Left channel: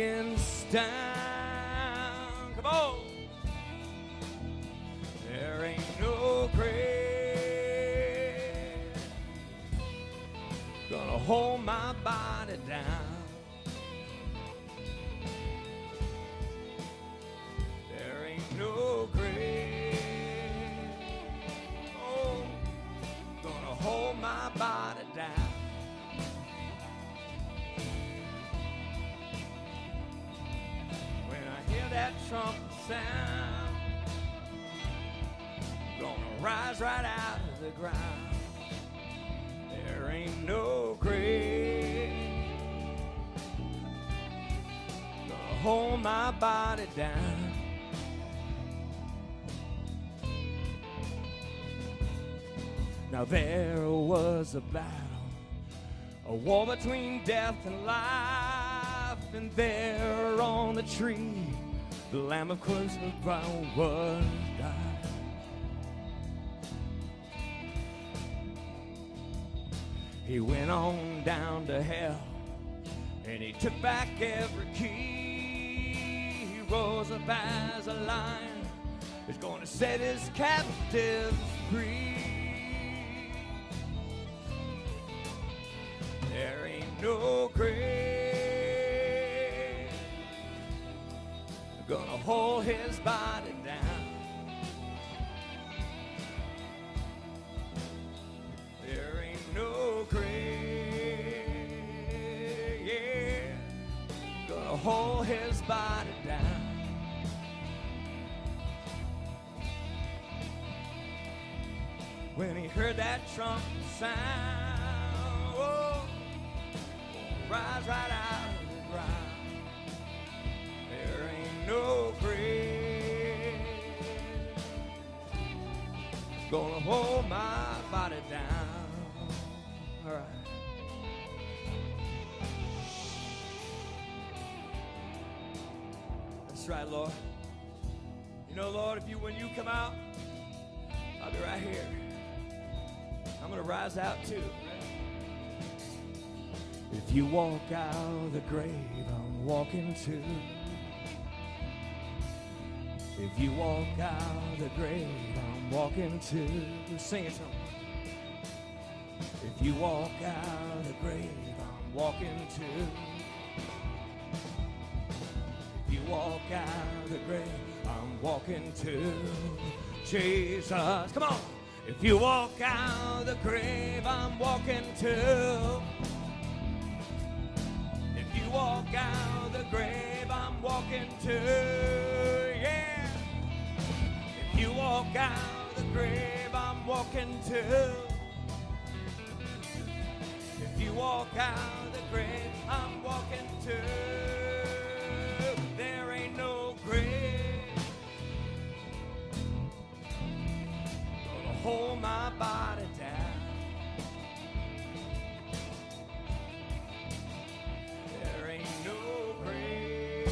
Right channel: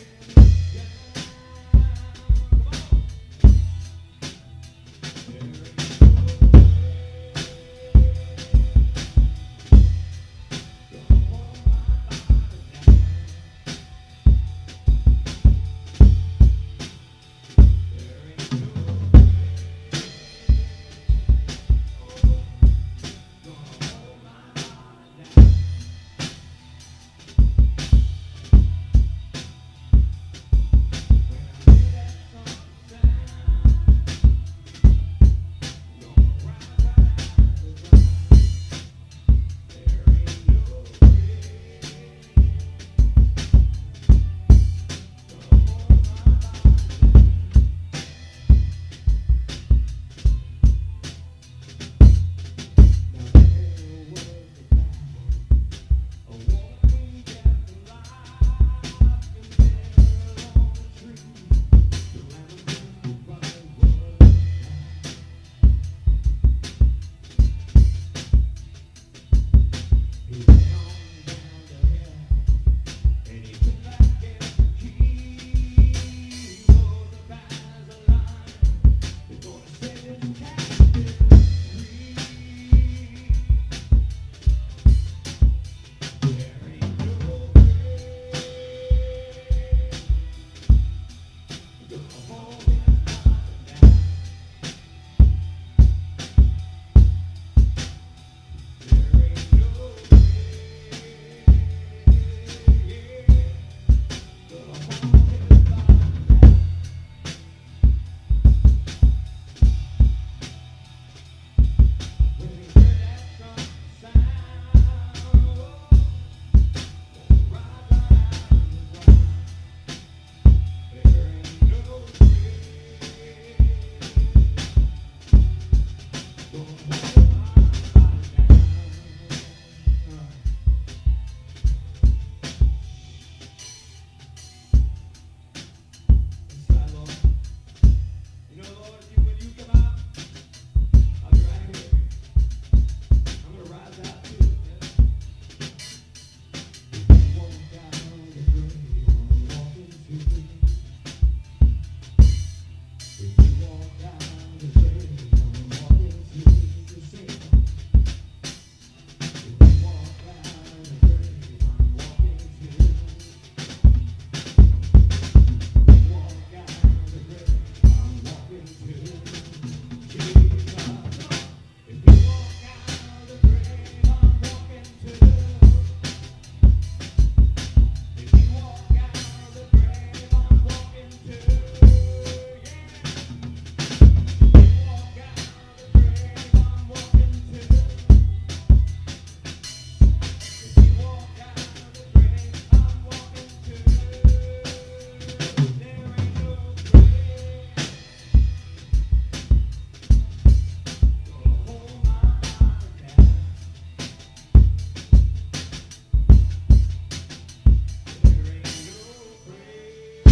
lions down. Come on. There ain't no grave gonna hold my body down. There ain't no grave, oh, gonna hold my body down. When I hear that trumpet sound, gonna rise right out of the ground. There ain't no grave gonna hold my body down. Now there was a battle, a war between death and life, and there on the tree, the Lamb of crimson brown was died. He went on down to hell, and he took back every key. He rose up as a lion, he's gonna set his captives free. There ain't no grave gonna hold his body down. There ain't no grave, yeah, gonna hold his body down. When he heard that trumpet sound, oh, rise right out of the ground. There ain't no grave gonna hold my body down. All right. That's right, Lord. You know, Lord, when you come out, I'll be right here. I'm gonna rise out too. If you walk out of the grave, I'm walking too. If you walk out of the grave, I'm walking too. Sing it. If you walk out of the grave, I'm walking too. If you walk out of the grave, I'm walking too. Jesus, come on. If you walk out of the grave, I'm walking too. If you walk out of the grave, I'm walking too. Yeah. If you walk out of the grave, I'm walking too. If you walk out of the grave, I'm walking too. There ain't no grave gonna hold my body down. There ain't no grave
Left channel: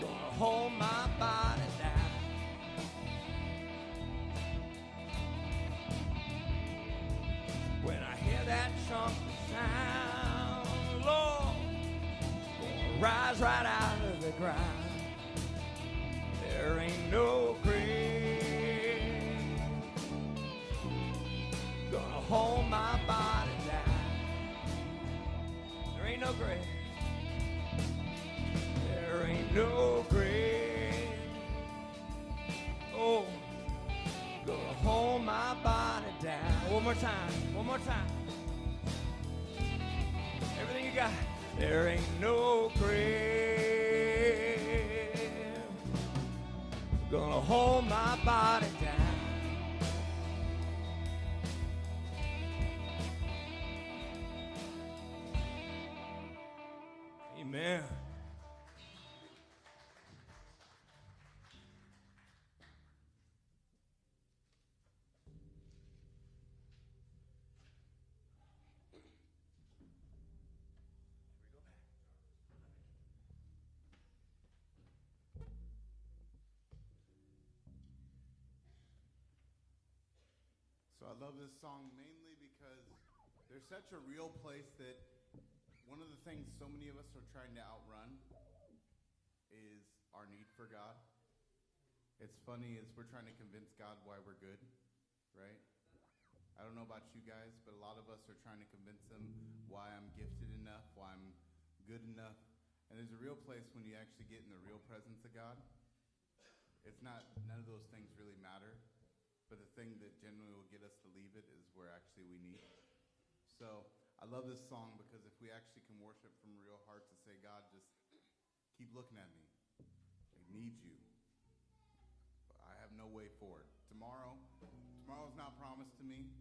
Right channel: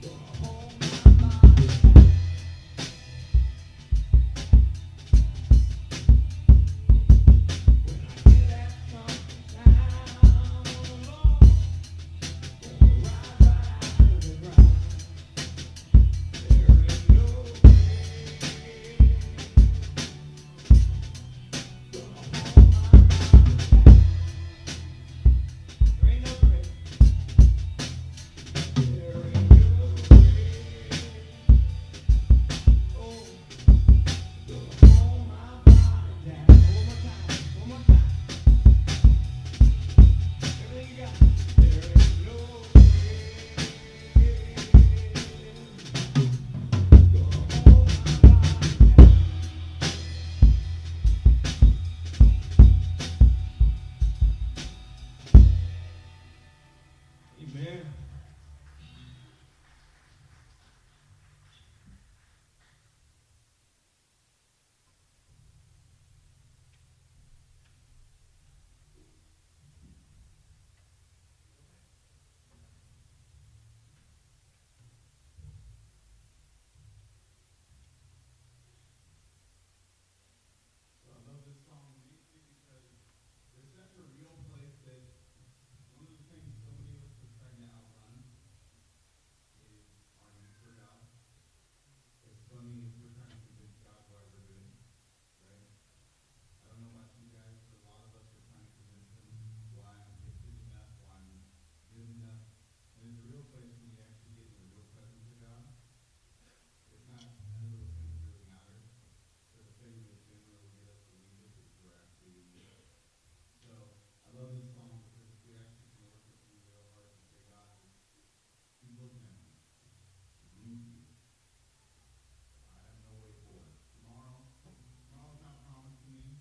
gonna hold my body down. When I hear that trumpet sound, Lord, gonna rise right out of the ground. There ain't no grave gonna hold my body down. There ain't no grave. There ain't no grave, oh, gonna hold my body down. One more time, one more time. Everything you got. There ain't no grave gonna hold my body down. Amen. So I love this song mainly because there's such a real place that one of the thing so many of us are trying to outrun is our need for God. It's funny as we're trying to convince God why we're good, right? I don't know about you guys, but a lot of us are trying to convince him why I'm gifted enough, why I'm good enough. And there's a real place when you actually get in the real presence of God. If not, none of those things really matter. But the thing that generally will get us to leave it is where actually we need it. So I love this song because if we actually can worship from a real heart and say, God, just keep looking at me. I need you. I have no way forward. Tomorrow's not promised to me.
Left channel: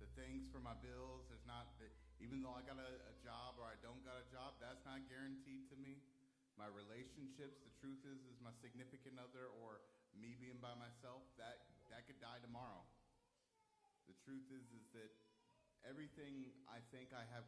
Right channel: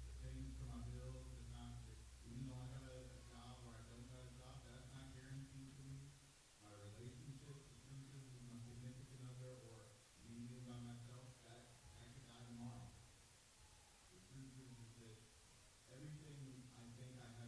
The things for my bills, there's not, even though I got a job or I don't got a job, that's not guaranteed to me. My relationships, the truth is my significant other or me being by myself, that could die tomorrow. The truth is that everything I think I have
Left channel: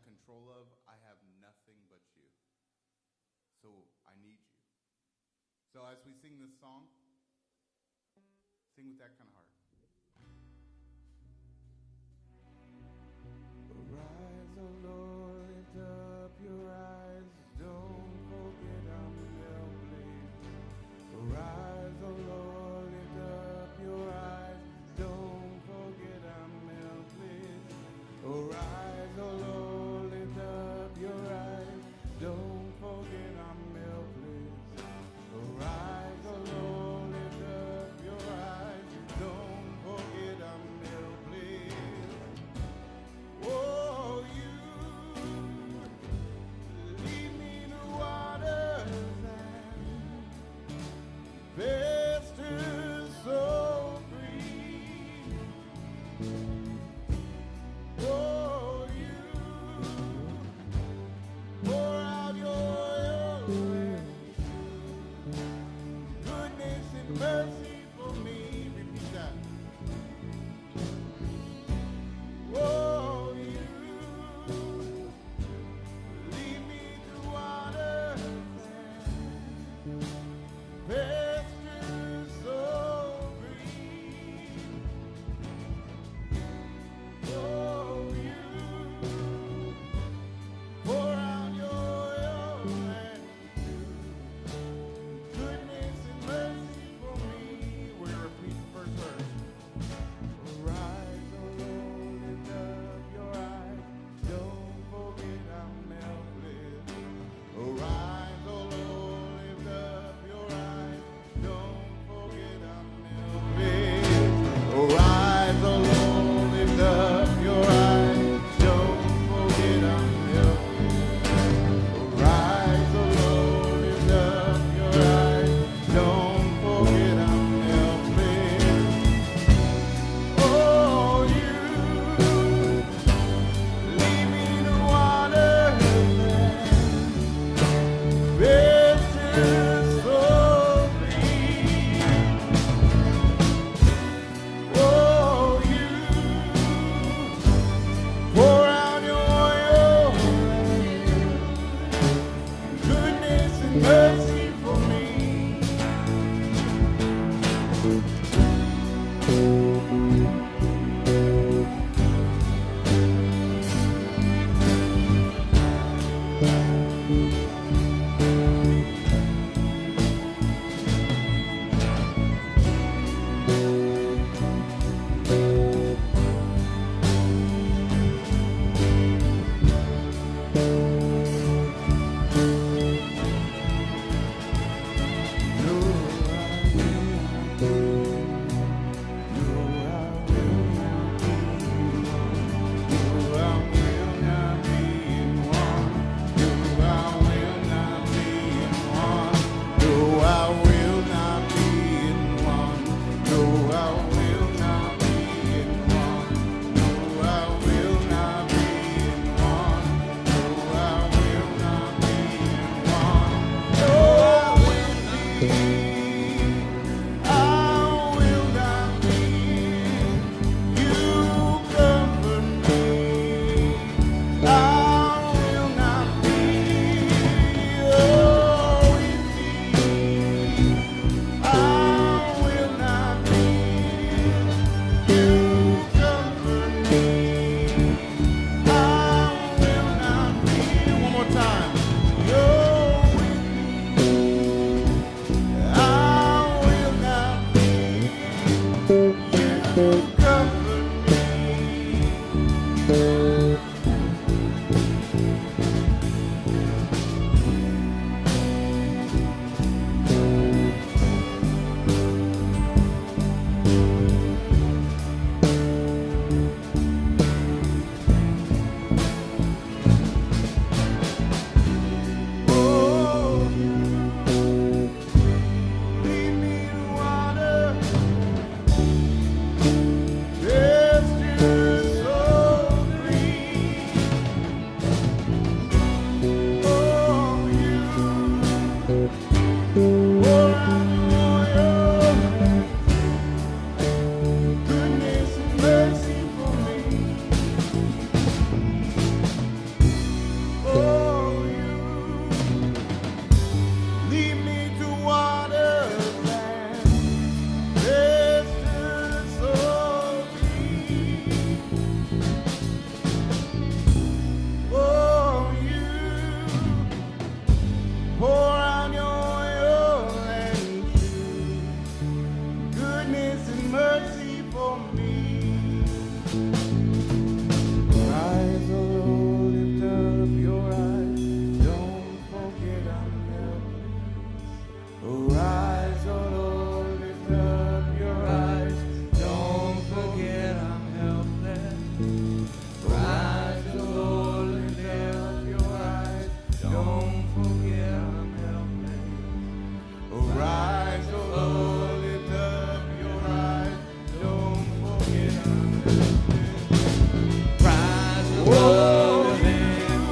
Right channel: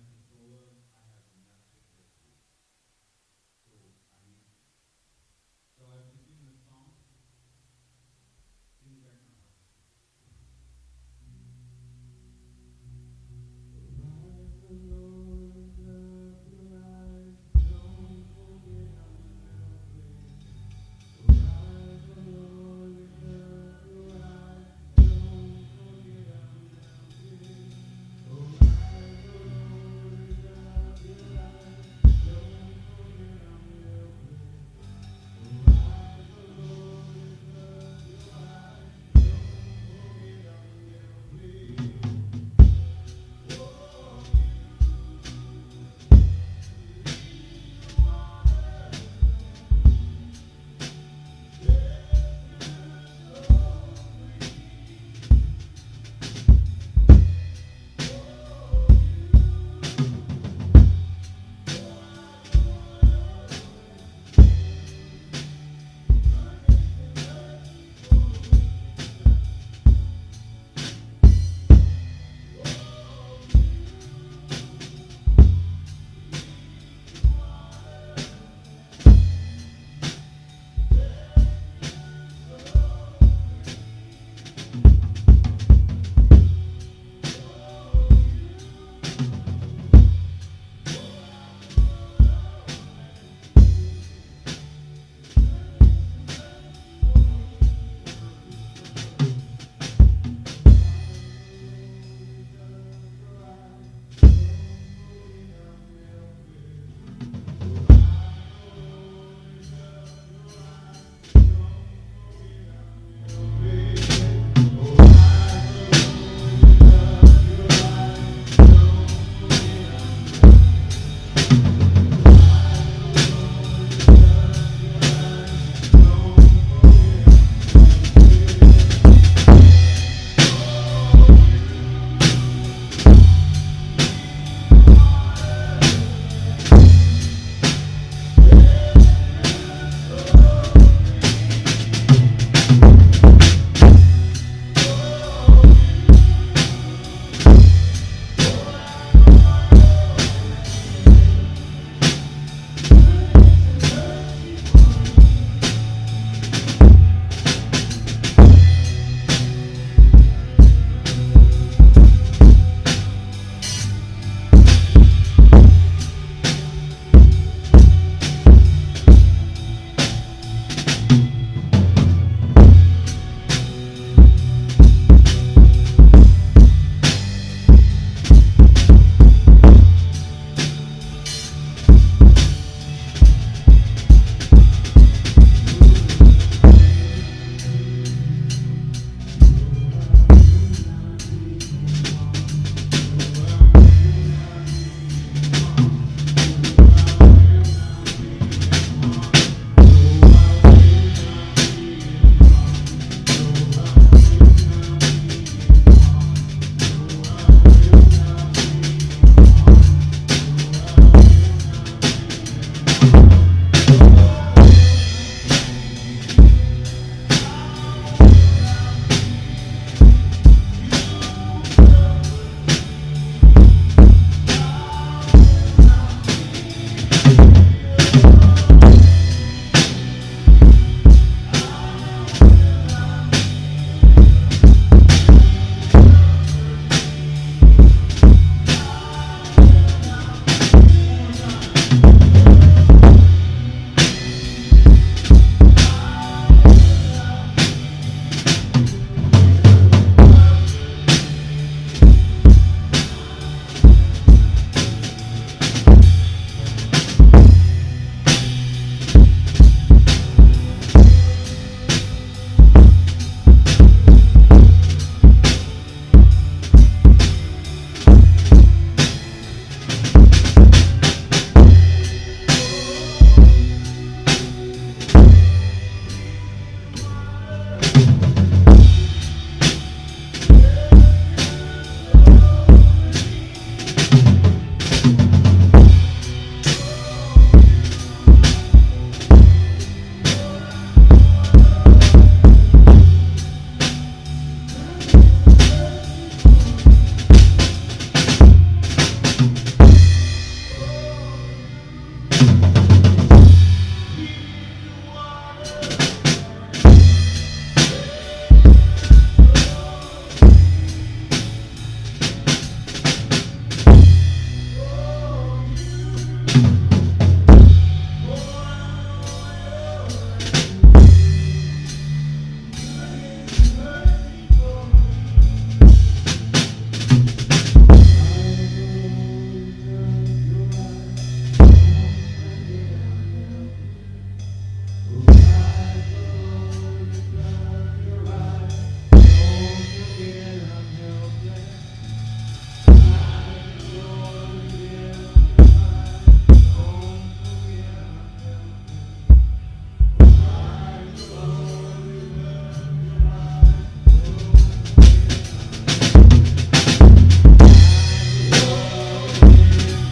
Pour out your oil and goodness and mercy for me. Rise, O Lord, lift up your eyes. Don't forget I'm helping. Rise, O Lord, lift up your eyes. Don't forget I'm helping. Rise, O Lord, lift up your eyes. Don't forget I'm helping. Rise, O Lord, lift up your eyes. Don't forget I'm helping. Rise, O Lord, lift your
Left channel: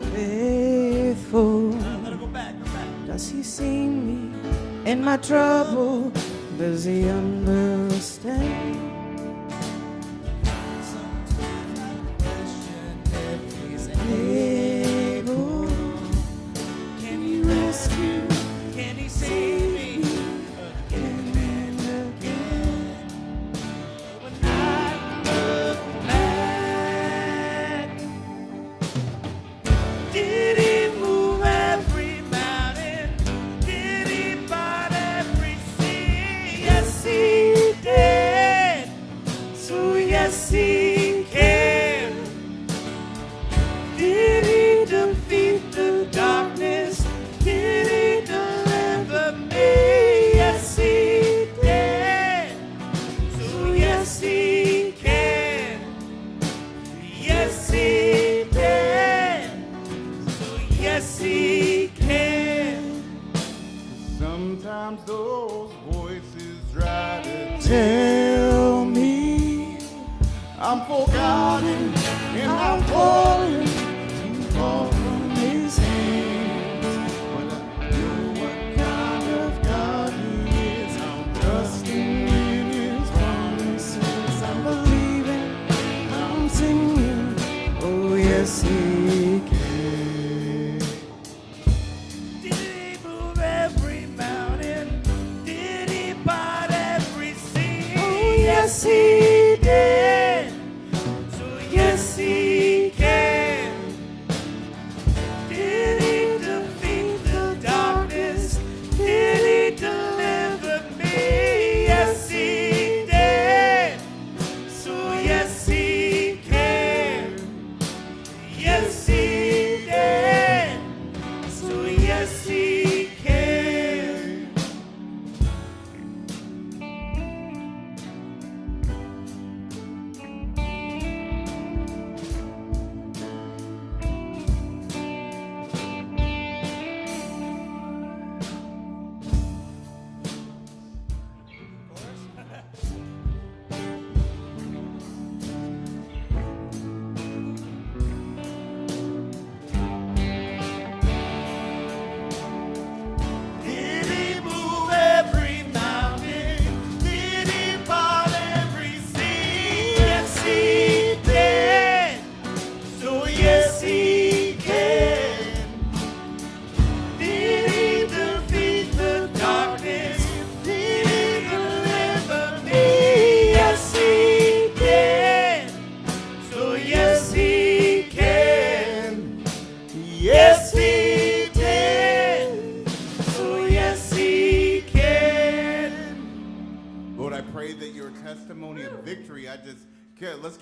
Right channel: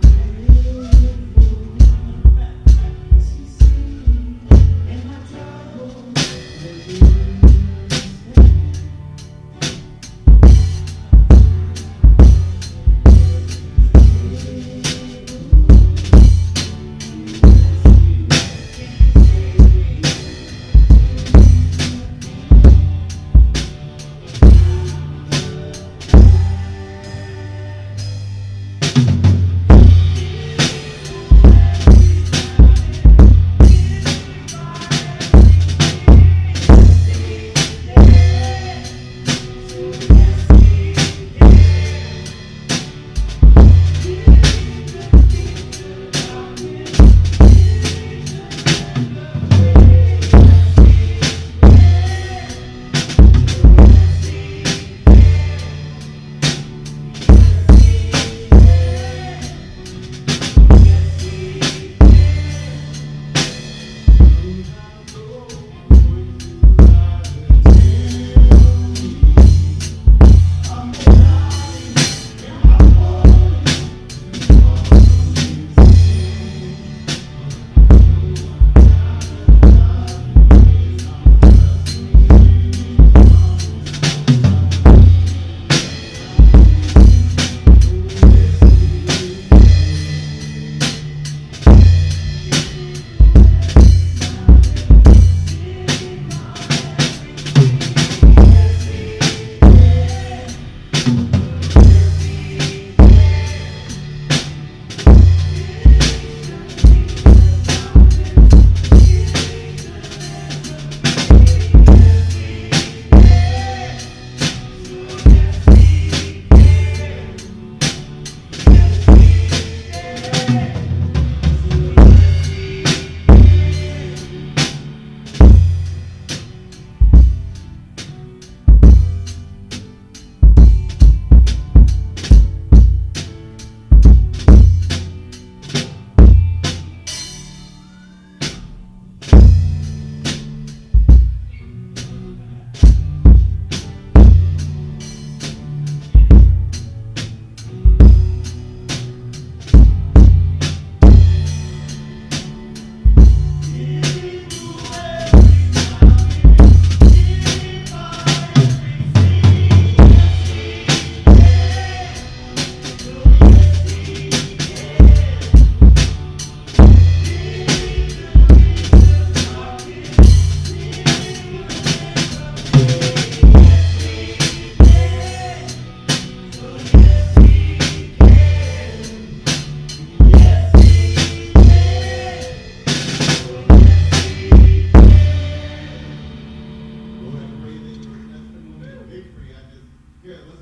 Faithful, does he see me in my trouble? Does he understand? He's able. Can he rescue? Can he save me again and again? When I look back, did he move every mountain? Did he part every sea? Yes, he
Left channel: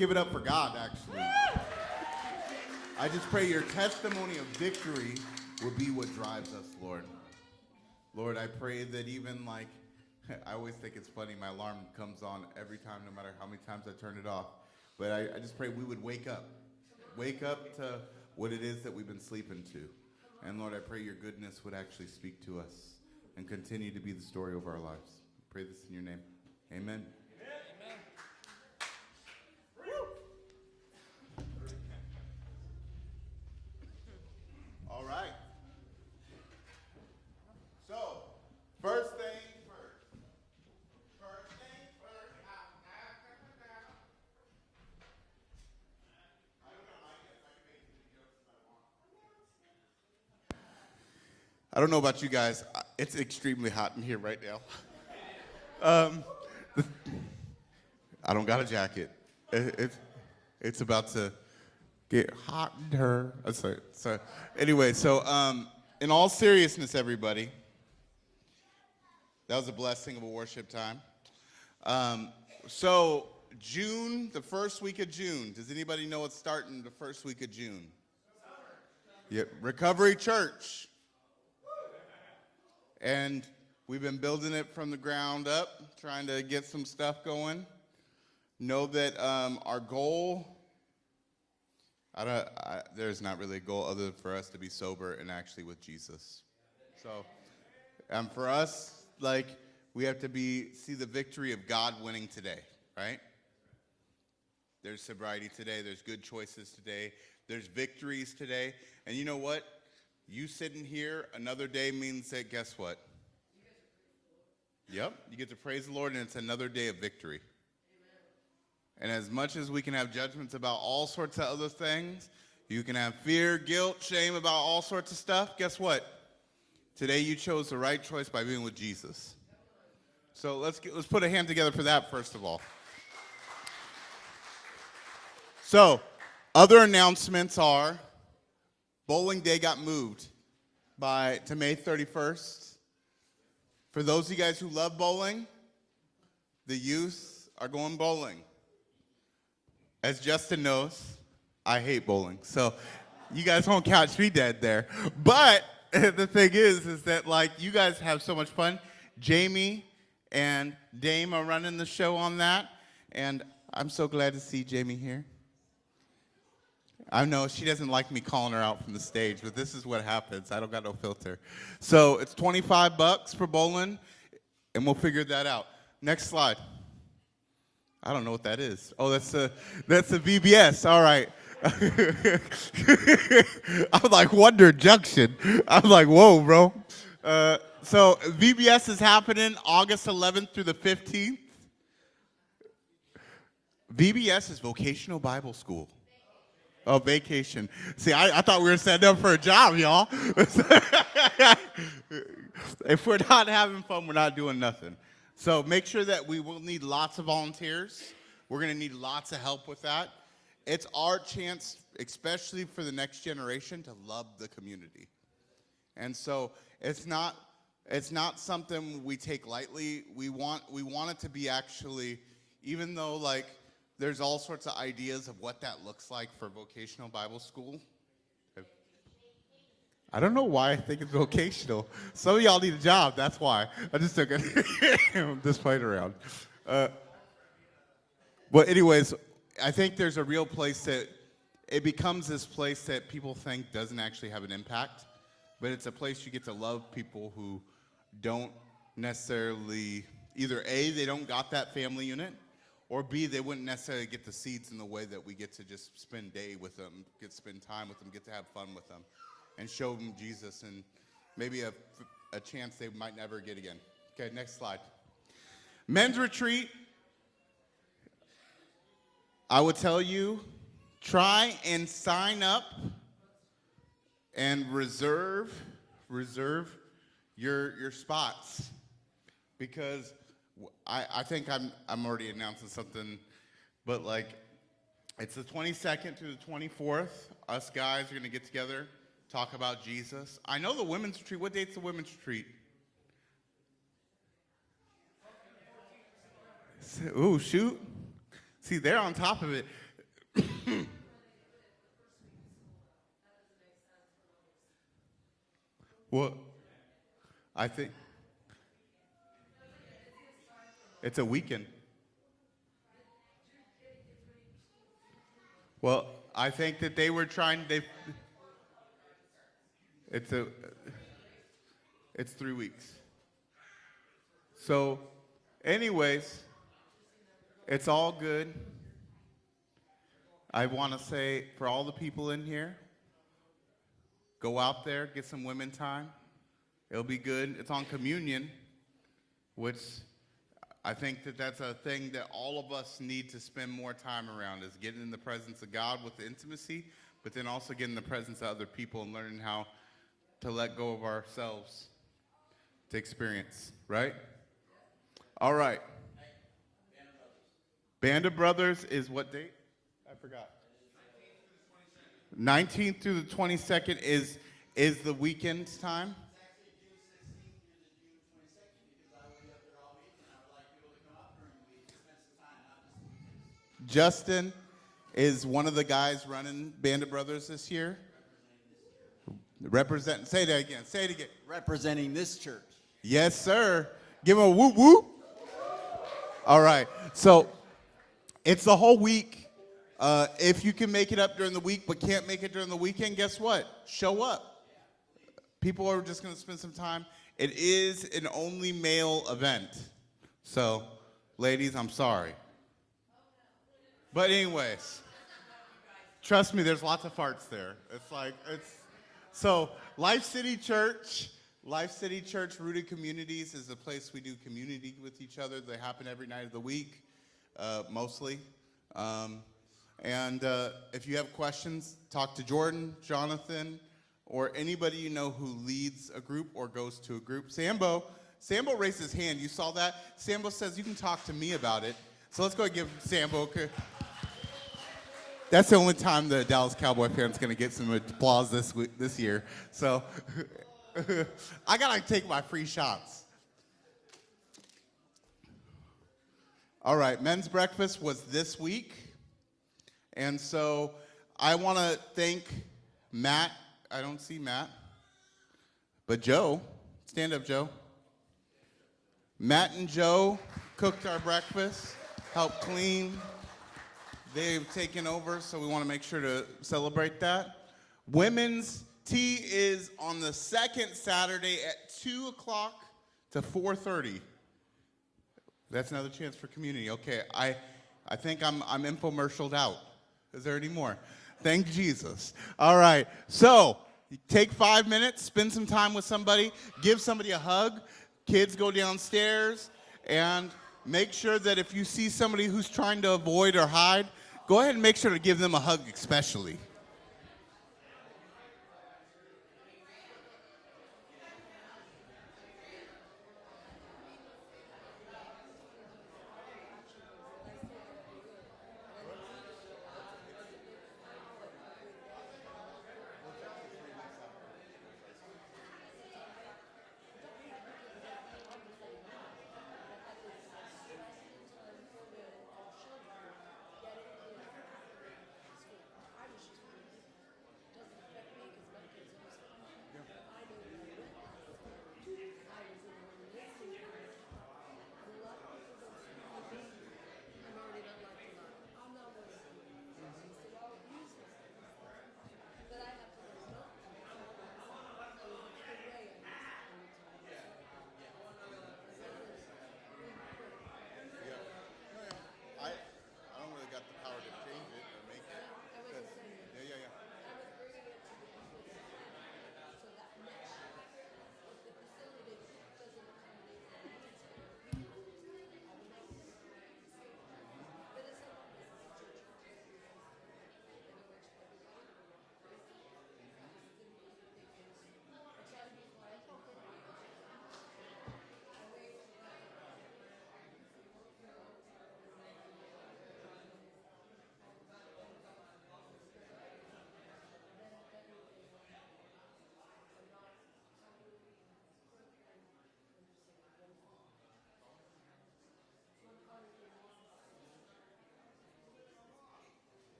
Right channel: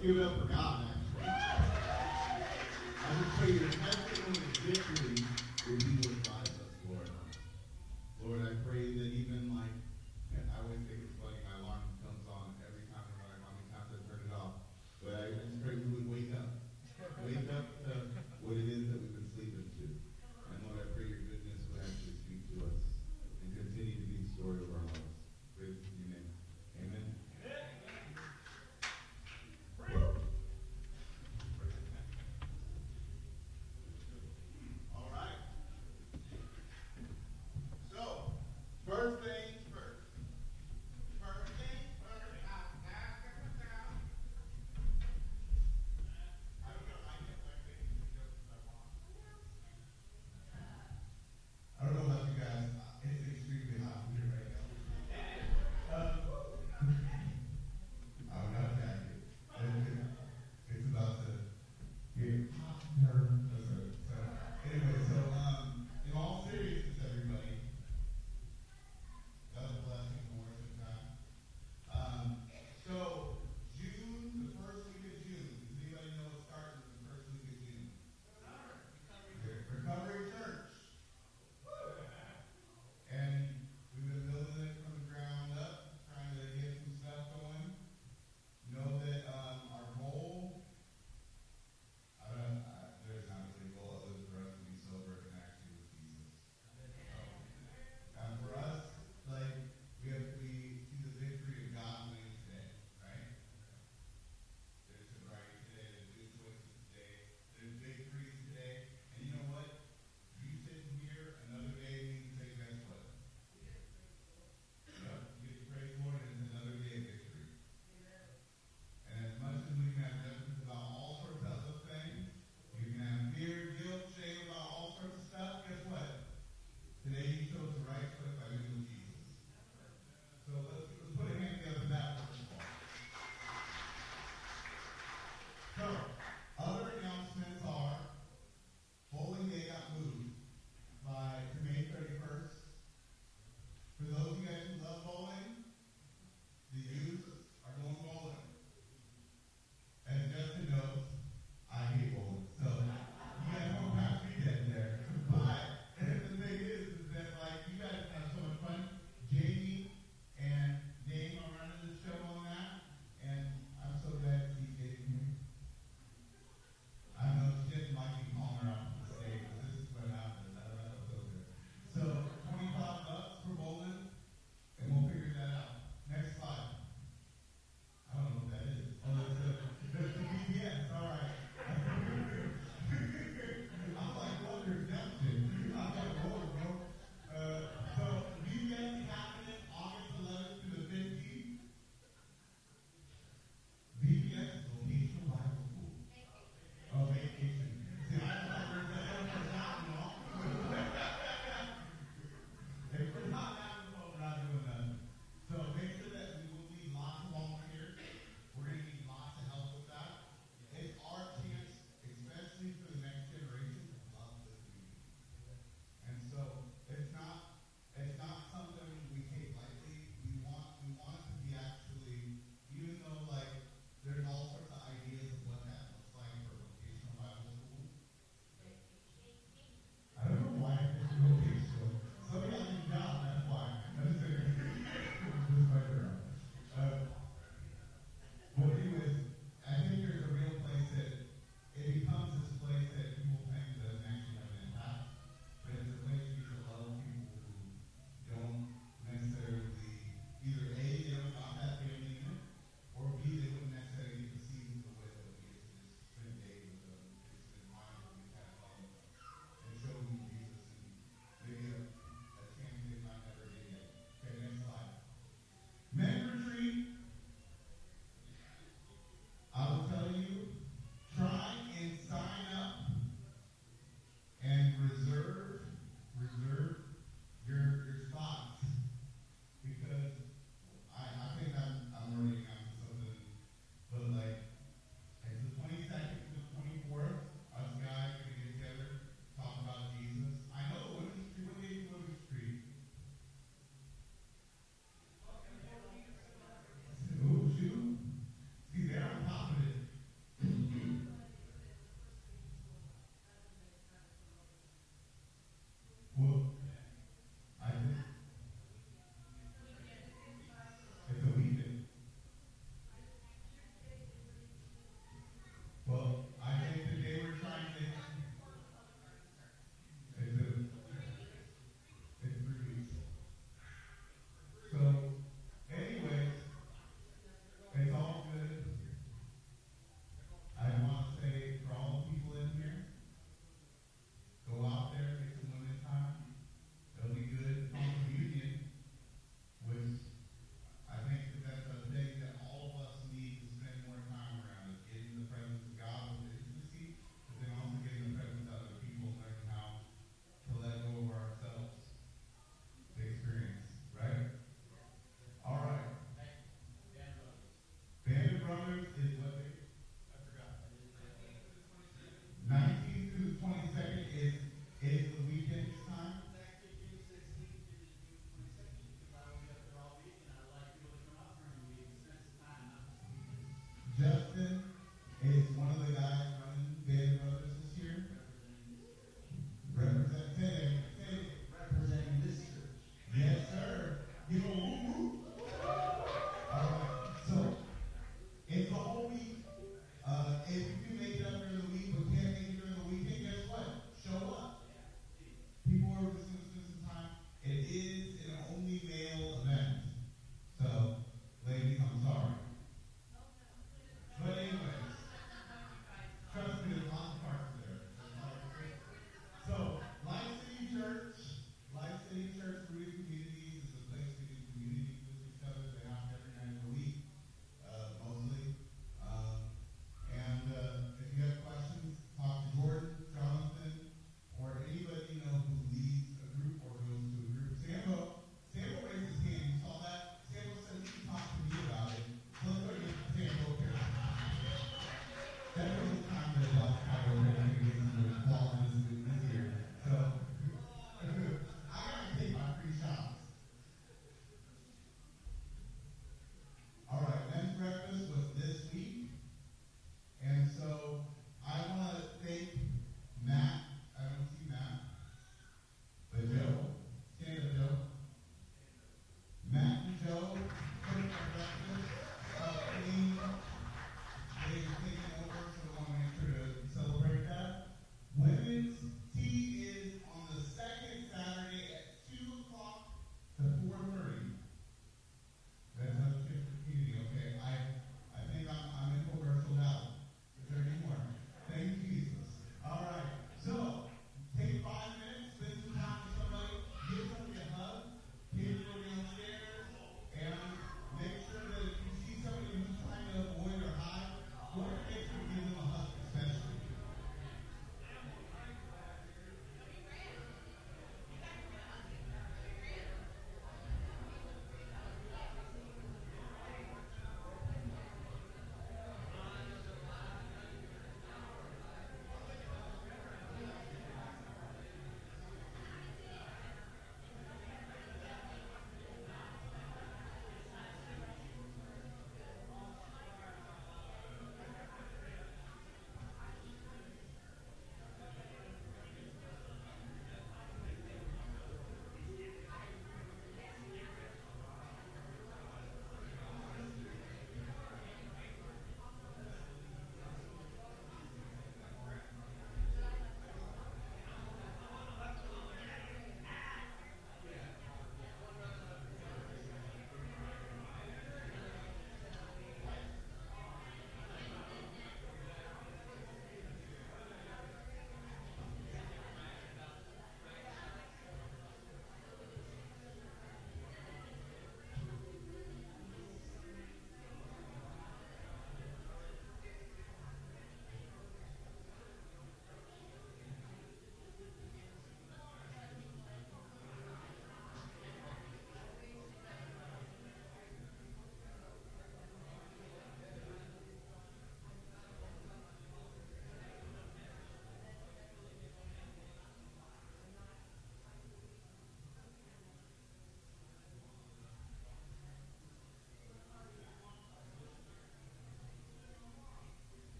give it up for God, actually. I just pray your testimony of victory will be what drives us, Lord. Lord, I pray that even like, I always think it's funny, my alarm comes on every time, no matter how many times I turn it off. But I just pray we would wake up. Wake up to what it is that we've been sleeping to. And Lord, I pray your goodness would actually speak to us and continue to be the story of our lives. Pray this in your name. Amen. All right. So, first things first. First things first. I don't know about you guys. It's extremely hot in here right now. I don't got a jacket. It's about to get hotter. So anyway, in all seriousness, everybody, that was a blessing of a worship time. So June, the first week of June. Does anybody know what's starting the first week of June? Yep, Recovery Church. And we've been building it from the ground up, trying to get some stuff going. Know that our goal, there's not really a goal other than for us to be sober and actually with Jesus. So, for us, like, we have to see the victory of God winning today, right? There's sobriety today. There's good choices today. There's victories today. And you know what? You sitting here another day means that, guess what? Yep, you get to praise the Lord, and it's another day of victory. And as much as we can have judgments about all sorts of other things, you can have fear, guilt, shame about all sorts of stuff, guess what? Today you chose the right choice by being with Jesus. So let's put a hand together for that, first of all. So, other announcements are, Bowling Day got moved to May 31st. For those of you guys who love bowling, the youth are going bowling. As Justin knows, I hate bowling, so you guys won't catch me dead there. But the thing is that, like, you guys have so much fun. Jamie and Dame are running the show on that, and I'm so glad to see Jamie here. I know she doesn't like me calling her out from the stage, but this is what happens. I don't got no filter. So it's $25 for bowling, and we'll figure that out. Next slide. I don't know what that is. Oh, that's a VBS. All right. I'm like Wonder Junction. I'm like, whoa, bro. So VBS is happening August 11th through the 15th. VBS is Vocational Bible School. Oh, vacation. See, I thought we were setting up for a job, y'all. If we're not having fun, we're not doing nothing. So make sure that we will need lots of volunteers. We're going to need lots of help with that. It's our chance, especially for the next generation, to love the community. And so it's not something we take lightly. We want it to be actually, even though, like, there's all sorts of ideas of what that looks like for vocational Bible school. I don't know why I think it's vocational. Some of y'all need a job, that's why. I just took it. I'm just playing around. But anyways, I think there's a real place that it becomes this place that people think doesn't actually have an impact, but it's a place you get to love people who don't necessarily, either A, they don't got that family unit, or B, they wouldn't necessarily get the seats in the way that we get to just spend day with them, get to spend time with them, get to have fun with them, and show them Jesus and maybe a chance they might never get again. Okay, next slide. Men's retreat. I would tell you, try and sign up and reserve your spots, because I think I'm already announcing something, but like, it's the 22nd through the 24th. Us guys are going to get together, talk about Jesus. I know the women's retreat. What date's the women's retreat? Ooh, shoot. See, they're on top of it. Well, I think it's a weekend. Well, I think that they were trying. It's a. It's 3 weeks. So, anyways, it's all good. I want to say for all the people in here, go out there, get some women time. It'll be good. It's on communion, which I think that that's a thing that all of us need to spend more time around, is getting in the presence of God with intimacy, but then also getting in the presence of other people and learning how to let go of ourselves to experience, right? All right. Band of Brothers is what date? I forgot. 19th through the 22nd is the weekend time. Justin is one of the guys running Band of Brothers this year. Say that again. Say it again. Representing this church. Yes, sir. Give him a whoop whoop. All right. So it's the whole week. If you can make it up during the week but can't make it during the weekend, guess what? Show up. People are just going to spend some time. It is an only male event. So, ladies, I'm sorry. But anyways, trust me, there's lots of farts there. So Life City Church Rooted Communities is a place we do community with each other. They happen every night of the week, mostly. And if you have questions, talk to Jordan, Jonathan, or anybody you know who leads a group or goes to a group. Sambo raised his hand. You saw that? Sambo says you can talk to me about it. So let's go and give Sambo. That's the only time the Dallas Cowboy fan's gonna get some applause this year. So I gotta take my free shots. All right, men's breakfast was this week. And so I wanna thank Matt. I don't see Matt, but Joe. Stand up, Joe. Matt and Joe cooked our breakfast, helped clean. They've taken over, so we want to make sure to celebrate that. Women's tea is on the second Saturday at 2 o'clock to 4:30. That's another chance for community. Okay, I think I'm infomercialed out. Is there any more? Thank Jesus. All right, so take 5 minutes, spend some time with somebody, give somebody a hug. Kids, go downstairs and make sure that if you see somebody who's trying to avoid or hide, go ahead and make sure to give them a hug especially.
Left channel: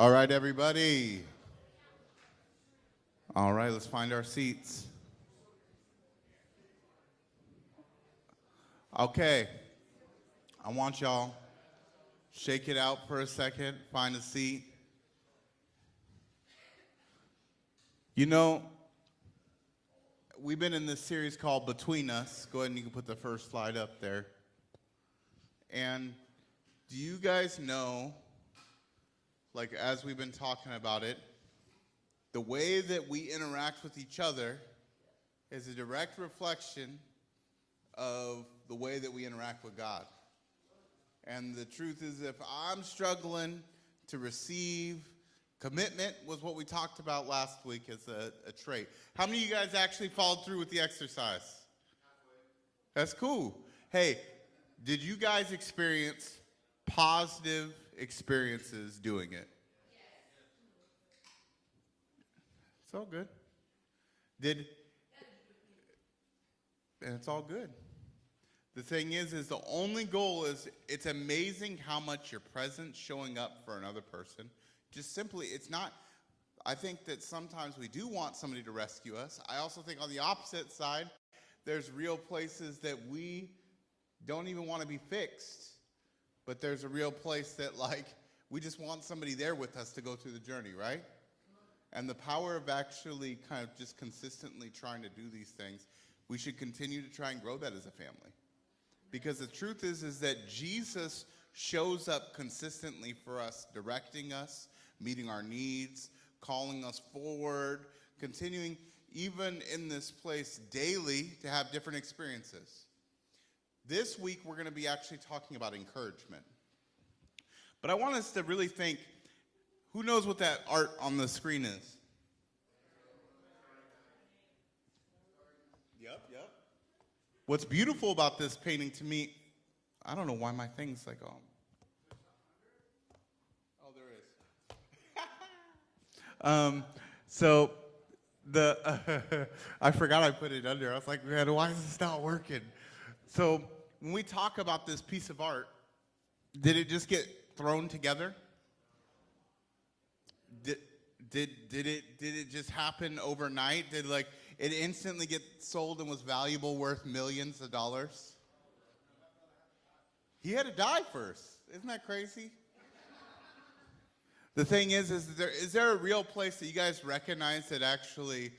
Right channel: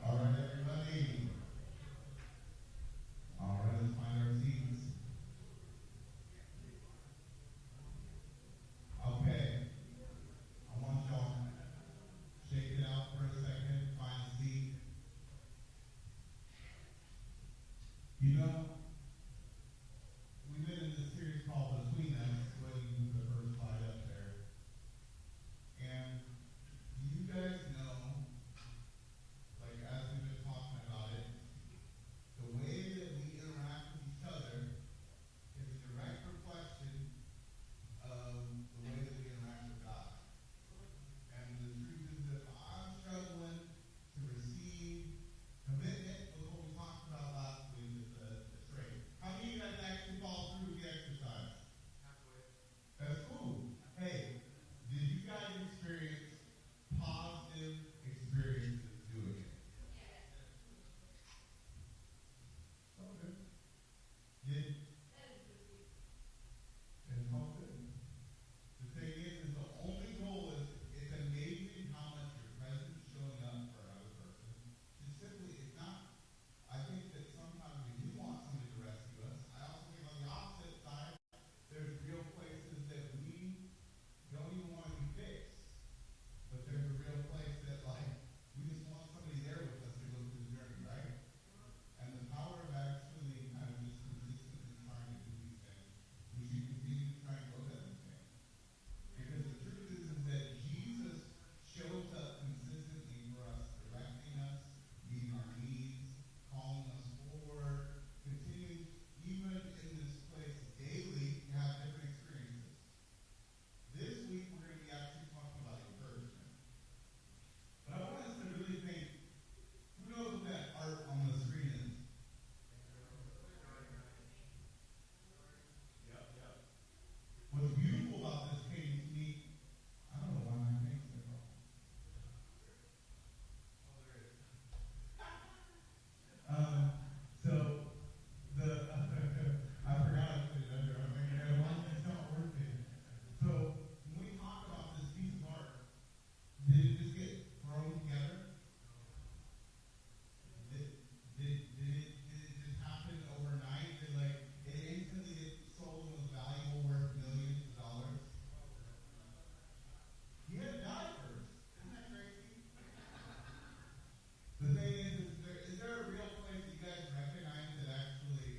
All right, everybody. All right, let's find our seats. Okay, I want y'all shake it out for a second, find a seat. You know, we've been in this series called Between Us. Go ahead and you can put the first slide up there. And do you guys know, like as we've been talking about it, the way that we interact with each other is a direct reflection of the way that we interact with God. And the truth is, if I'm struggling to receive, commitment was what we talked about last week as a trait. How many of you guys actually followed through with the exercise? That's cool. Hey, did you guys experience positive experiences doing it? It's all good. And it's all good. The thing is the only goal is, it's amazing how much your presence showing up for another person. Just simply, it's not, I think that sometimes we do want somebody to rescue us. I also think on the opposite side, there's real places that we don't even want to be fixed. But there's a real place that, like, we just want somebody there with us to go through the journey, right? And the power of actually kind of just consistently trying to do these things, we should continue to try and grow that as a family. Because the truth is that Jesus shows up consistently for us, directing us, meeting our needs, calling us forward, continuing even in this place daily to have different experiences. This week we're going to be actually talking about encouragement. But I want us to really think, who knows what that art on the screen is? What's beautiful about this painting to me, I don't know why my thing's like, oh there is. So I forgot I put it under. I was like, man, why is this not working? So when we talk about this piece of art, did it just get thrown together? Did it just happen overnight? Did it instantly get sold and was valuable, worth millions of dollars? He had to die first. Isn't that crazy? The thing is there a real place that you guys recognize that actually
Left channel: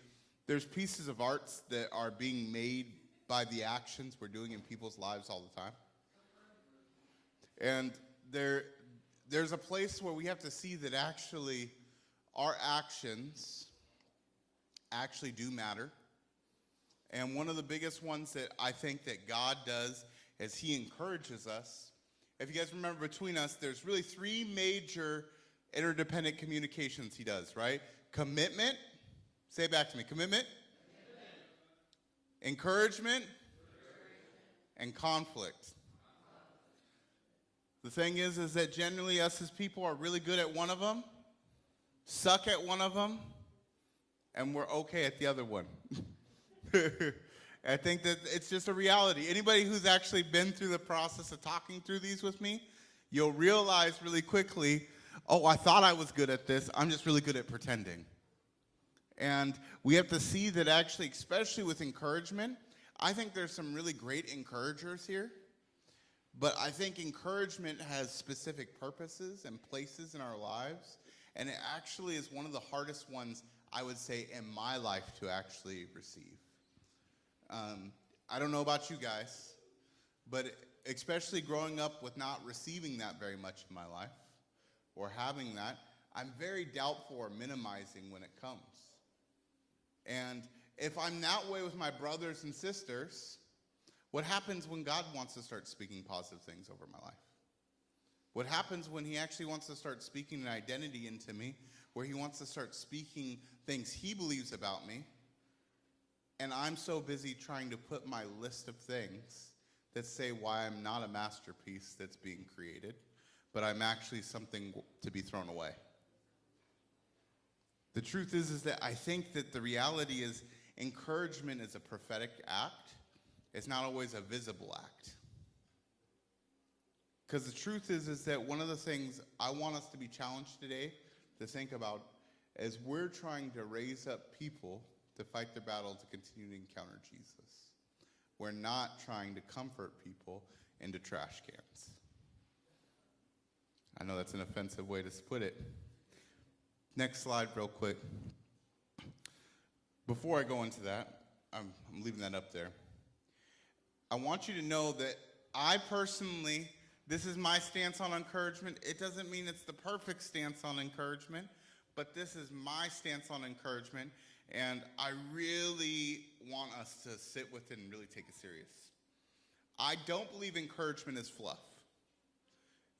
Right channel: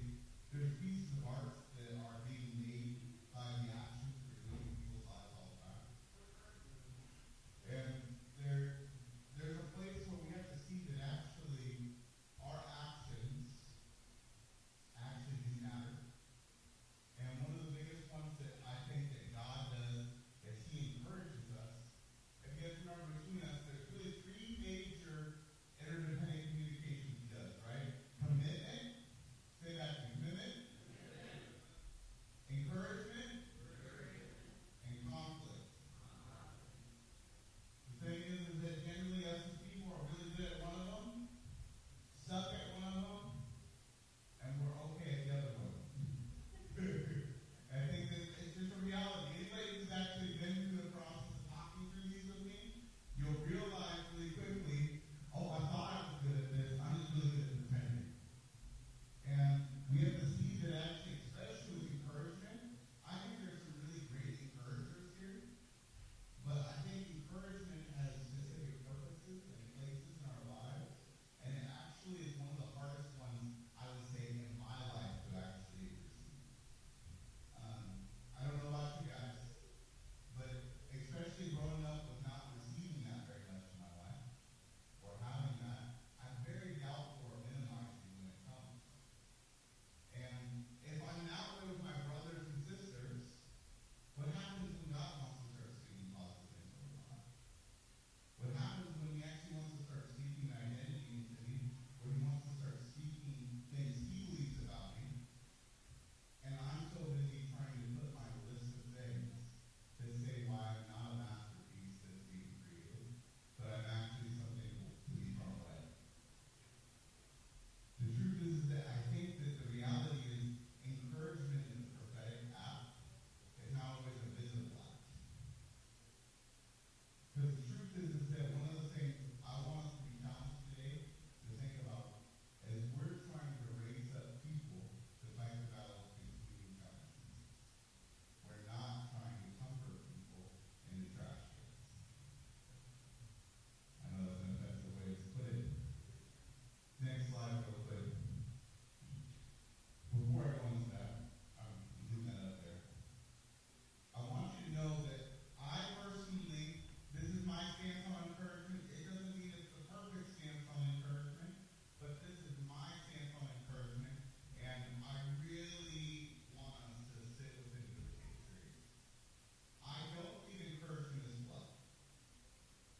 there's pieces of art that are being made by the actions we're doing in people's lives all the time? And there's a place where we have to see that actually our actions actually do matter. And one of the biggest ones that I think that God does is he encourages us. If you guys remember Between Us, there's really three major interdependent communications he does, right? Commitment, say it back to me, commitment, encouragement, and conflict. The thing is that generally us as people are really good at one of them, suck at one of them, and we're okay at the other one. I think that it's just a reality. Anybody who's actually been through the process of talking through these with me, you'll realize really quickly, oh, I thought I was good at this, I'm just really good at pretending. And we have to see that actually, especially with encouragement, I think there's some really great encouragers here, but I think encouragement has specific purposes and places in our lives. And it actually is one of the hardest ones, I would say, in my life to actually receive. I don't know about you guys, but especially growing up with not receiving that very much in my life, or having that, I'm very doubtful or minimizing when it comes. And if I'm that way with my brothers and sisters, what happens when God wants to start speaking positive things over my life? What happens when he actually wants to start speaking an identity into me, where he wants to start speaking things he believes about me, and I'm so busy trying to put my list of things that say why I'm not a masterpiece that's being created, but I'm actually something to be thrown away. The truth is that I think that the reality is encouragement is a prophetic act. It's not always a visible act. Because the truth is that one of the things I want us to be challenged today, to think about as we're trying to raise up people to fight the battle to continue to encounter Jesus. We're not trying to comfort people into trash cans. I know that's an offensive way to put it. Next slide real quick. Before I go into that, I'm leaving that up there. I want you to know that I personally, this is my stance on encouragement. It doesn't mean it's the perfect stance on encouragement, but this is my stance on encouragement, and I really want us to sit with it and really take it serious. I don't believe encouragement is fluff.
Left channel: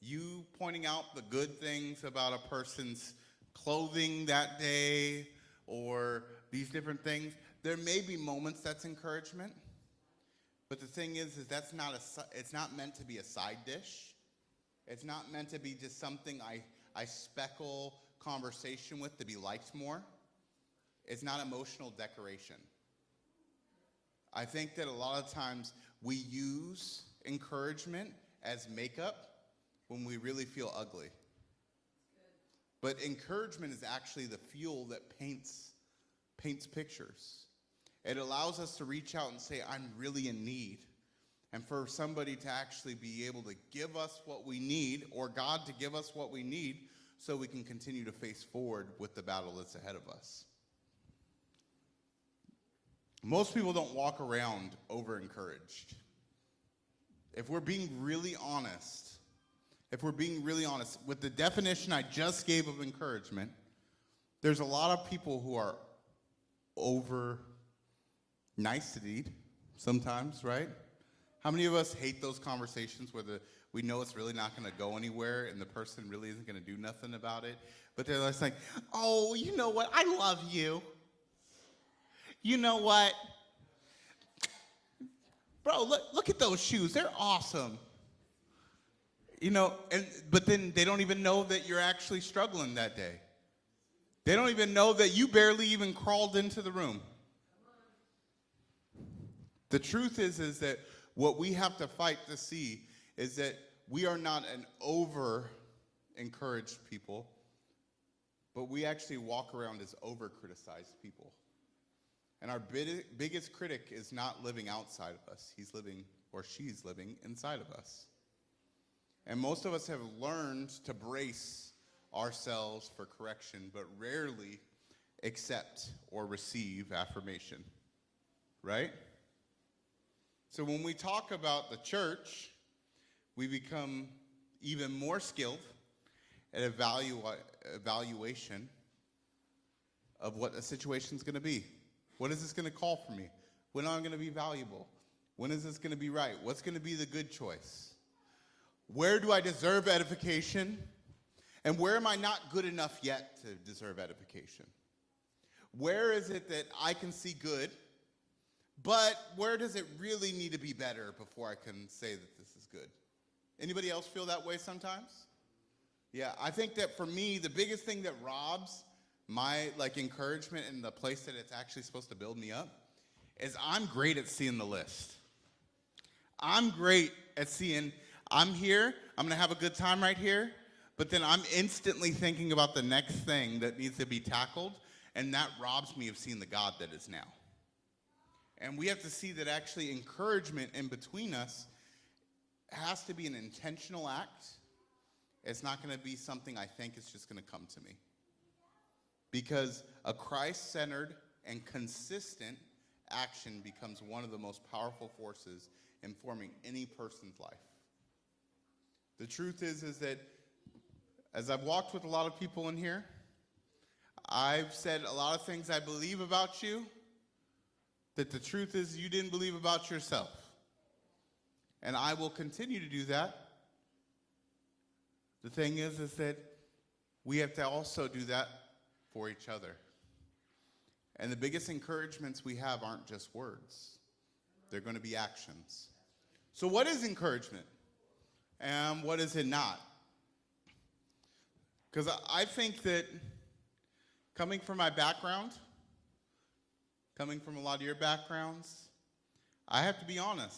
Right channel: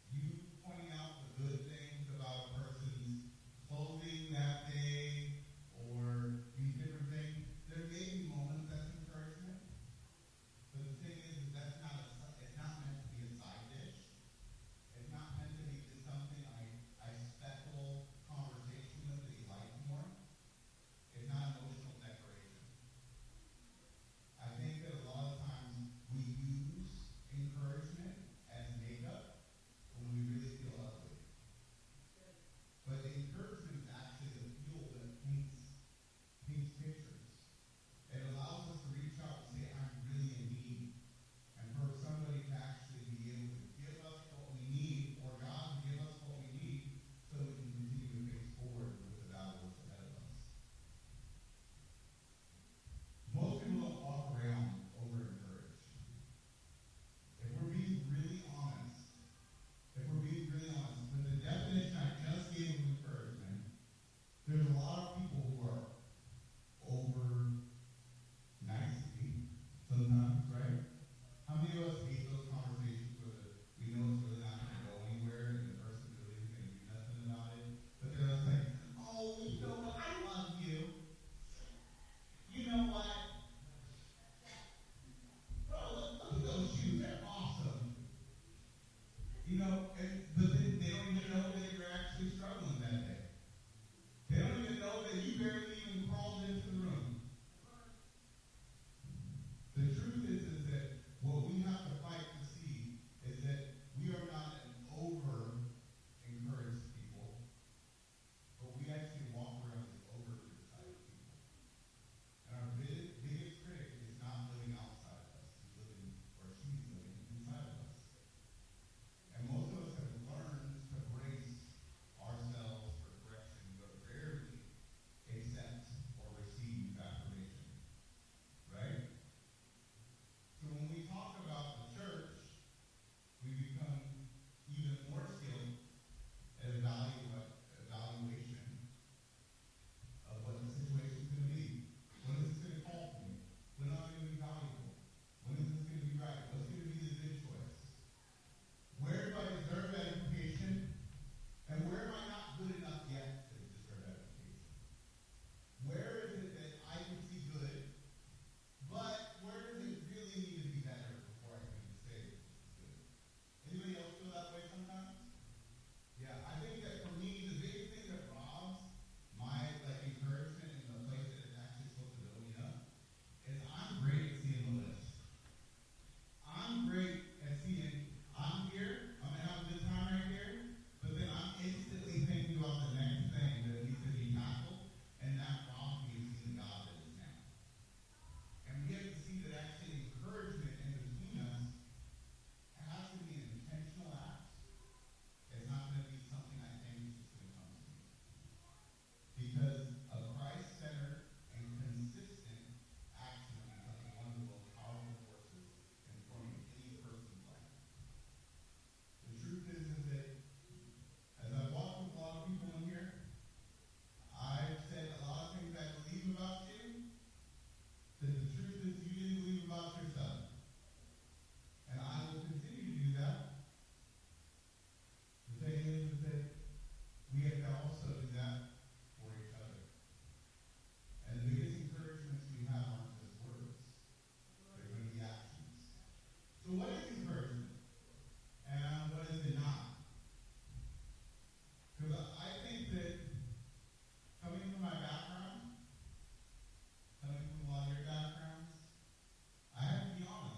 You pointing out the good things about a person's clothing that day or these different things, there may be moments that's encouragement, but the thing is that's not it's not meant to be a side dish. It's not meant to be just something I speckle conversation with to be liked more. It's not emotional decoration. I think that a lot of times we use encouragement as makeup when we really feel ugly. But encouragement is actually the fuel that paints pictures. It allows us to reach out and say, I'm really in need. And for somebody to actually be able to give us what we need, or God to give us what we need, so we can continue to face forward with the battle that's ahead of us. Most people don't walk around over-encouraged. If we're being really honest, with the definition I just gave of encouragement, there's a lot of people who are over nicety sometimes, right? How many of us hate those conversations where we know it's really not going to go anywhere and the person really isn't going to do nothing about it? But they're just like, oh, you know what? I love you. You know what? Bro, look at those shoes. They're awesome. You know, but then they don't even know that you're actually struggling that day. They don't even know that you barely even crawled into the room. The truth is that what we have to fight to see is that we are not an over-encouraged people, but we actually walk around as over-criticized people. And our biggest critic is not living outside of us. He's living, or she's living, inside of us. And most of us have learned to brace ourselves for correction, but rarely accept or receive affirmation, right? So when we talk about the church, we become even more skilled at evaluation of what a situation's going to be. What is this going to call for me? When am I going to be valuable? When is this going to be right? What's going to be the good choice? Where do I deserve edification? And where am I not good enough yet to deserve edification? Where is it that I can see good, but where does it really need to be better before I can say that this is good? Anybody else feel that way sometimes? Yeah, I think that for me, the biggest thing that robs my encouragement and the place that it's actually supposed to build me up is I'm great at seeing the list. I'm great at seeing, I'm here, I'm going to have a good time right here, but then I'm instantly thinking about the next thing that needs to be tackled, and that robs me of seeing the God that is now. And we have to see that actually encouragement in between us has to be an intentional act. It's not going to be something I think is just going to come to me. Because a Christ-centered and consistent action becomes one of the most powerful forces in forming any person's life. The truth is that as I've walked with a lot of people in here, I've said a lot of things I believe about you that the truth is you didn't believe about yourself. And I will continue to do that. The thing is that we have to also do that for each other. And the biggest encouragements we have aren't just words. They're going to be actions. So what is encouragement? And what is it not? Because I think that coming from my background, coming from a lot of your backgrounds, I have to be honest.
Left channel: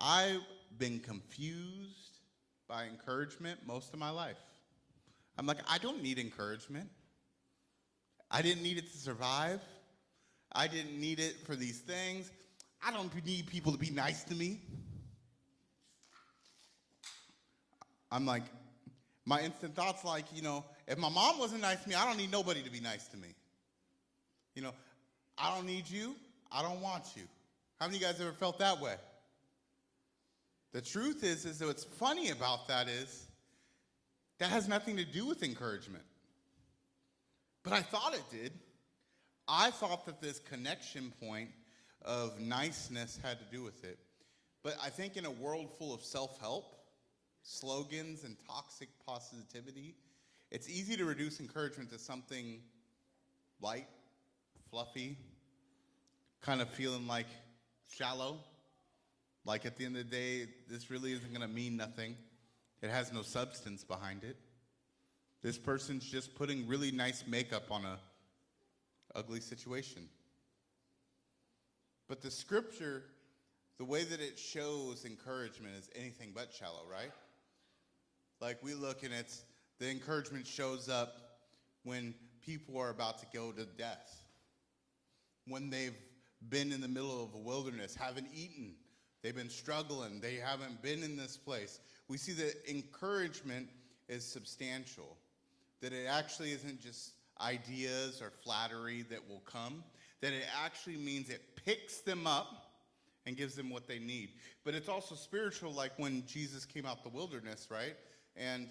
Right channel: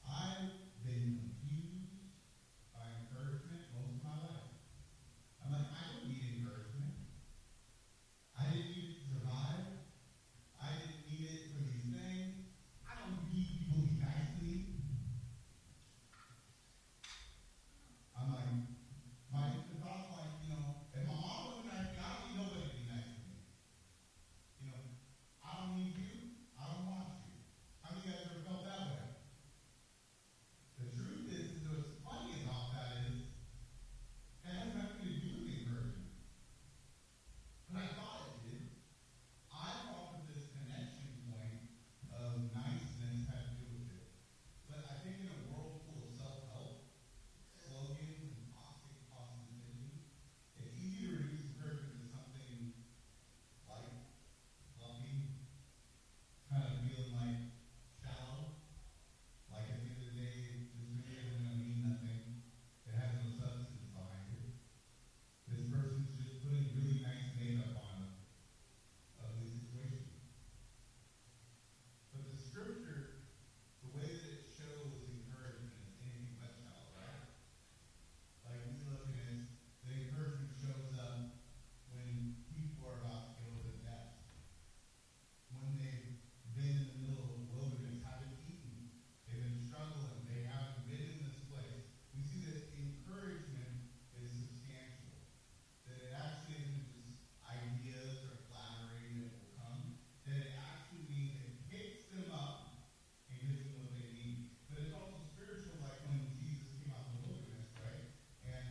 I've been confused by encouragement most of my life. I'm like, I don't need encouragement. I didn't need it to survive. I didn't need it for these things. I don't need people to be nice to me. I'm like, my instant thought's like, if my mom wasn't nice to me, I don't need nobody to be nice to me. I don't need you. I don't want you. How many of you guys ever felt that way? The truth is that what's funny about that is that has nothing to do with encouragement. But I thought it did. I thought that this connection point of niceness had to do with it. But I think in a world full of self-help, slogans, and toxic positivity, it's easy to reduce encouragement to something light, fluffy, kind of feeling like shallow. Like at the end of the day, this really isn't going to mean nothing. It has no substance behind it. This person's just putting really nice makeup on a ugly situation. But the scripture, the way that it shows encouragement is anything but shallow, right? Like we look and the encouragement shows up when people are about to go to death. When they've been in the middle of a wilderness, haven't eaten, they've been struggling, they haven't been in this place. We see that encouragement is substantial, that it actually isn't just ideas or flattery that will come, that it actually means it picks them up and gives them what they need. But it's also spiritual, like when Jesus came out the wilderness, right? And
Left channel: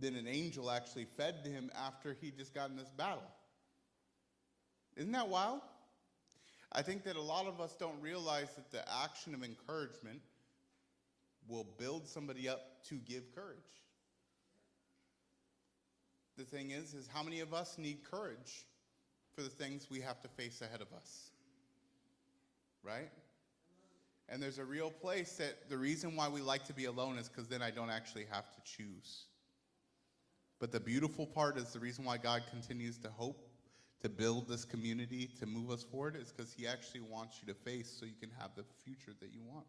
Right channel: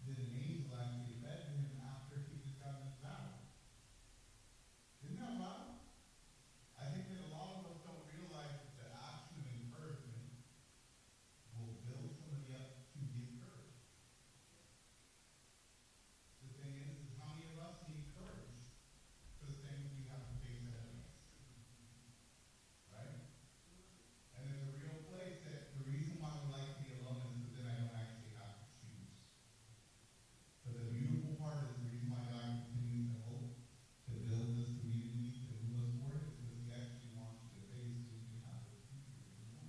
then an angel actually fed to him after he just got in this battle. Isn't that wild? I think that a lot of us don't realize that the action of encouragement will build somebody up to give courage. The thing is how many of us need courage for the things we have to face ahead of us? Right? And there's a real place that the reason why we like to be alone is because then I don't actually have to choose. But the beautiful part is the reason why God continues to hope to build this community, to move us forward, is because he actually wants you to face so you can have the future that you want.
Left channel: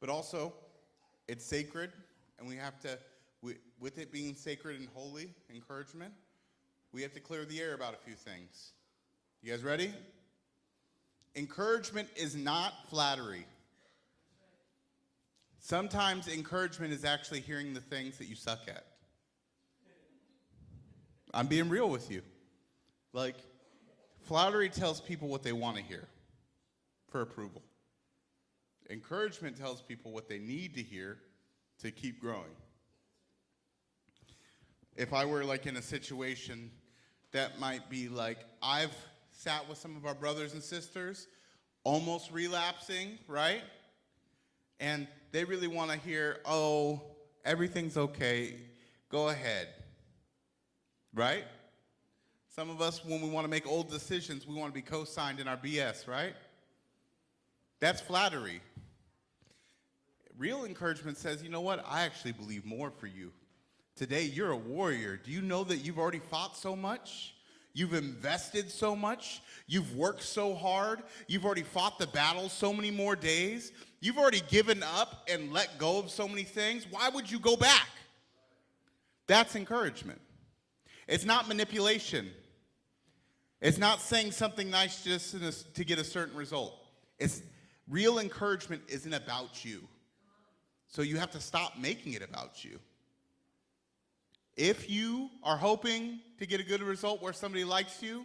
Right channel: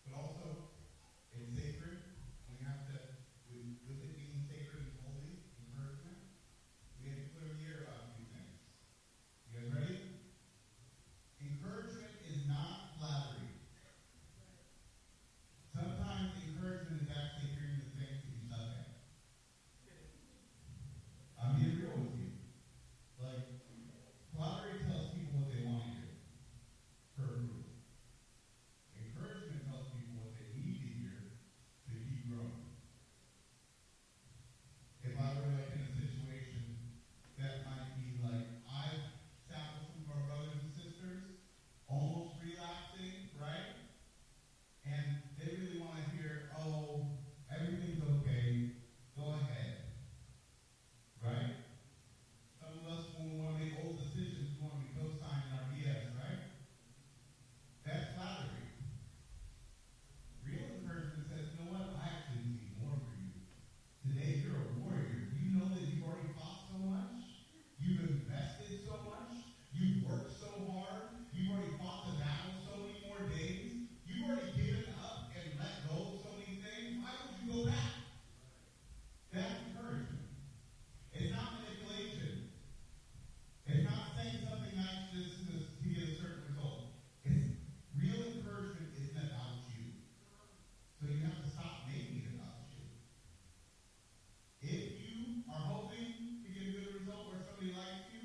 But also, it's sacred, and we have to, with it being sacred and holy, encouragement, we have to clear the air about a few things. You guys ready? Encouragement is not flattery. Sometimes encouragement is actually hearing the things that you suck at. I'm being real with you. Like, flattery tells people what they want to hear for approval. Encouragement tells people what they need to hear to keep growing. If I were like in a situation that might be like, I've sat with some of our brothers and sisters, almost relapsing, right? And they really want to hear, oh, everything's okay, go ahead, right? Some of us, when we want to make old decisions, we want to be co-signed in our BS, right? That's flattery. Real encouragement says, you know what? I actually believe more for you. Today, you're a warrior. Do you know that you've already fought so much? You've invested so much. You've worked so hard. You've already fought the battle so many more days. You've already given up and let go of so many things. Why would you go back? That's encouragement. It's not manipulation. It's not saying something nice just to get a certain result. It's real encouragement isn't about you. So you have to stop making it about you. If you are hoping to get a good result where somebody likes you,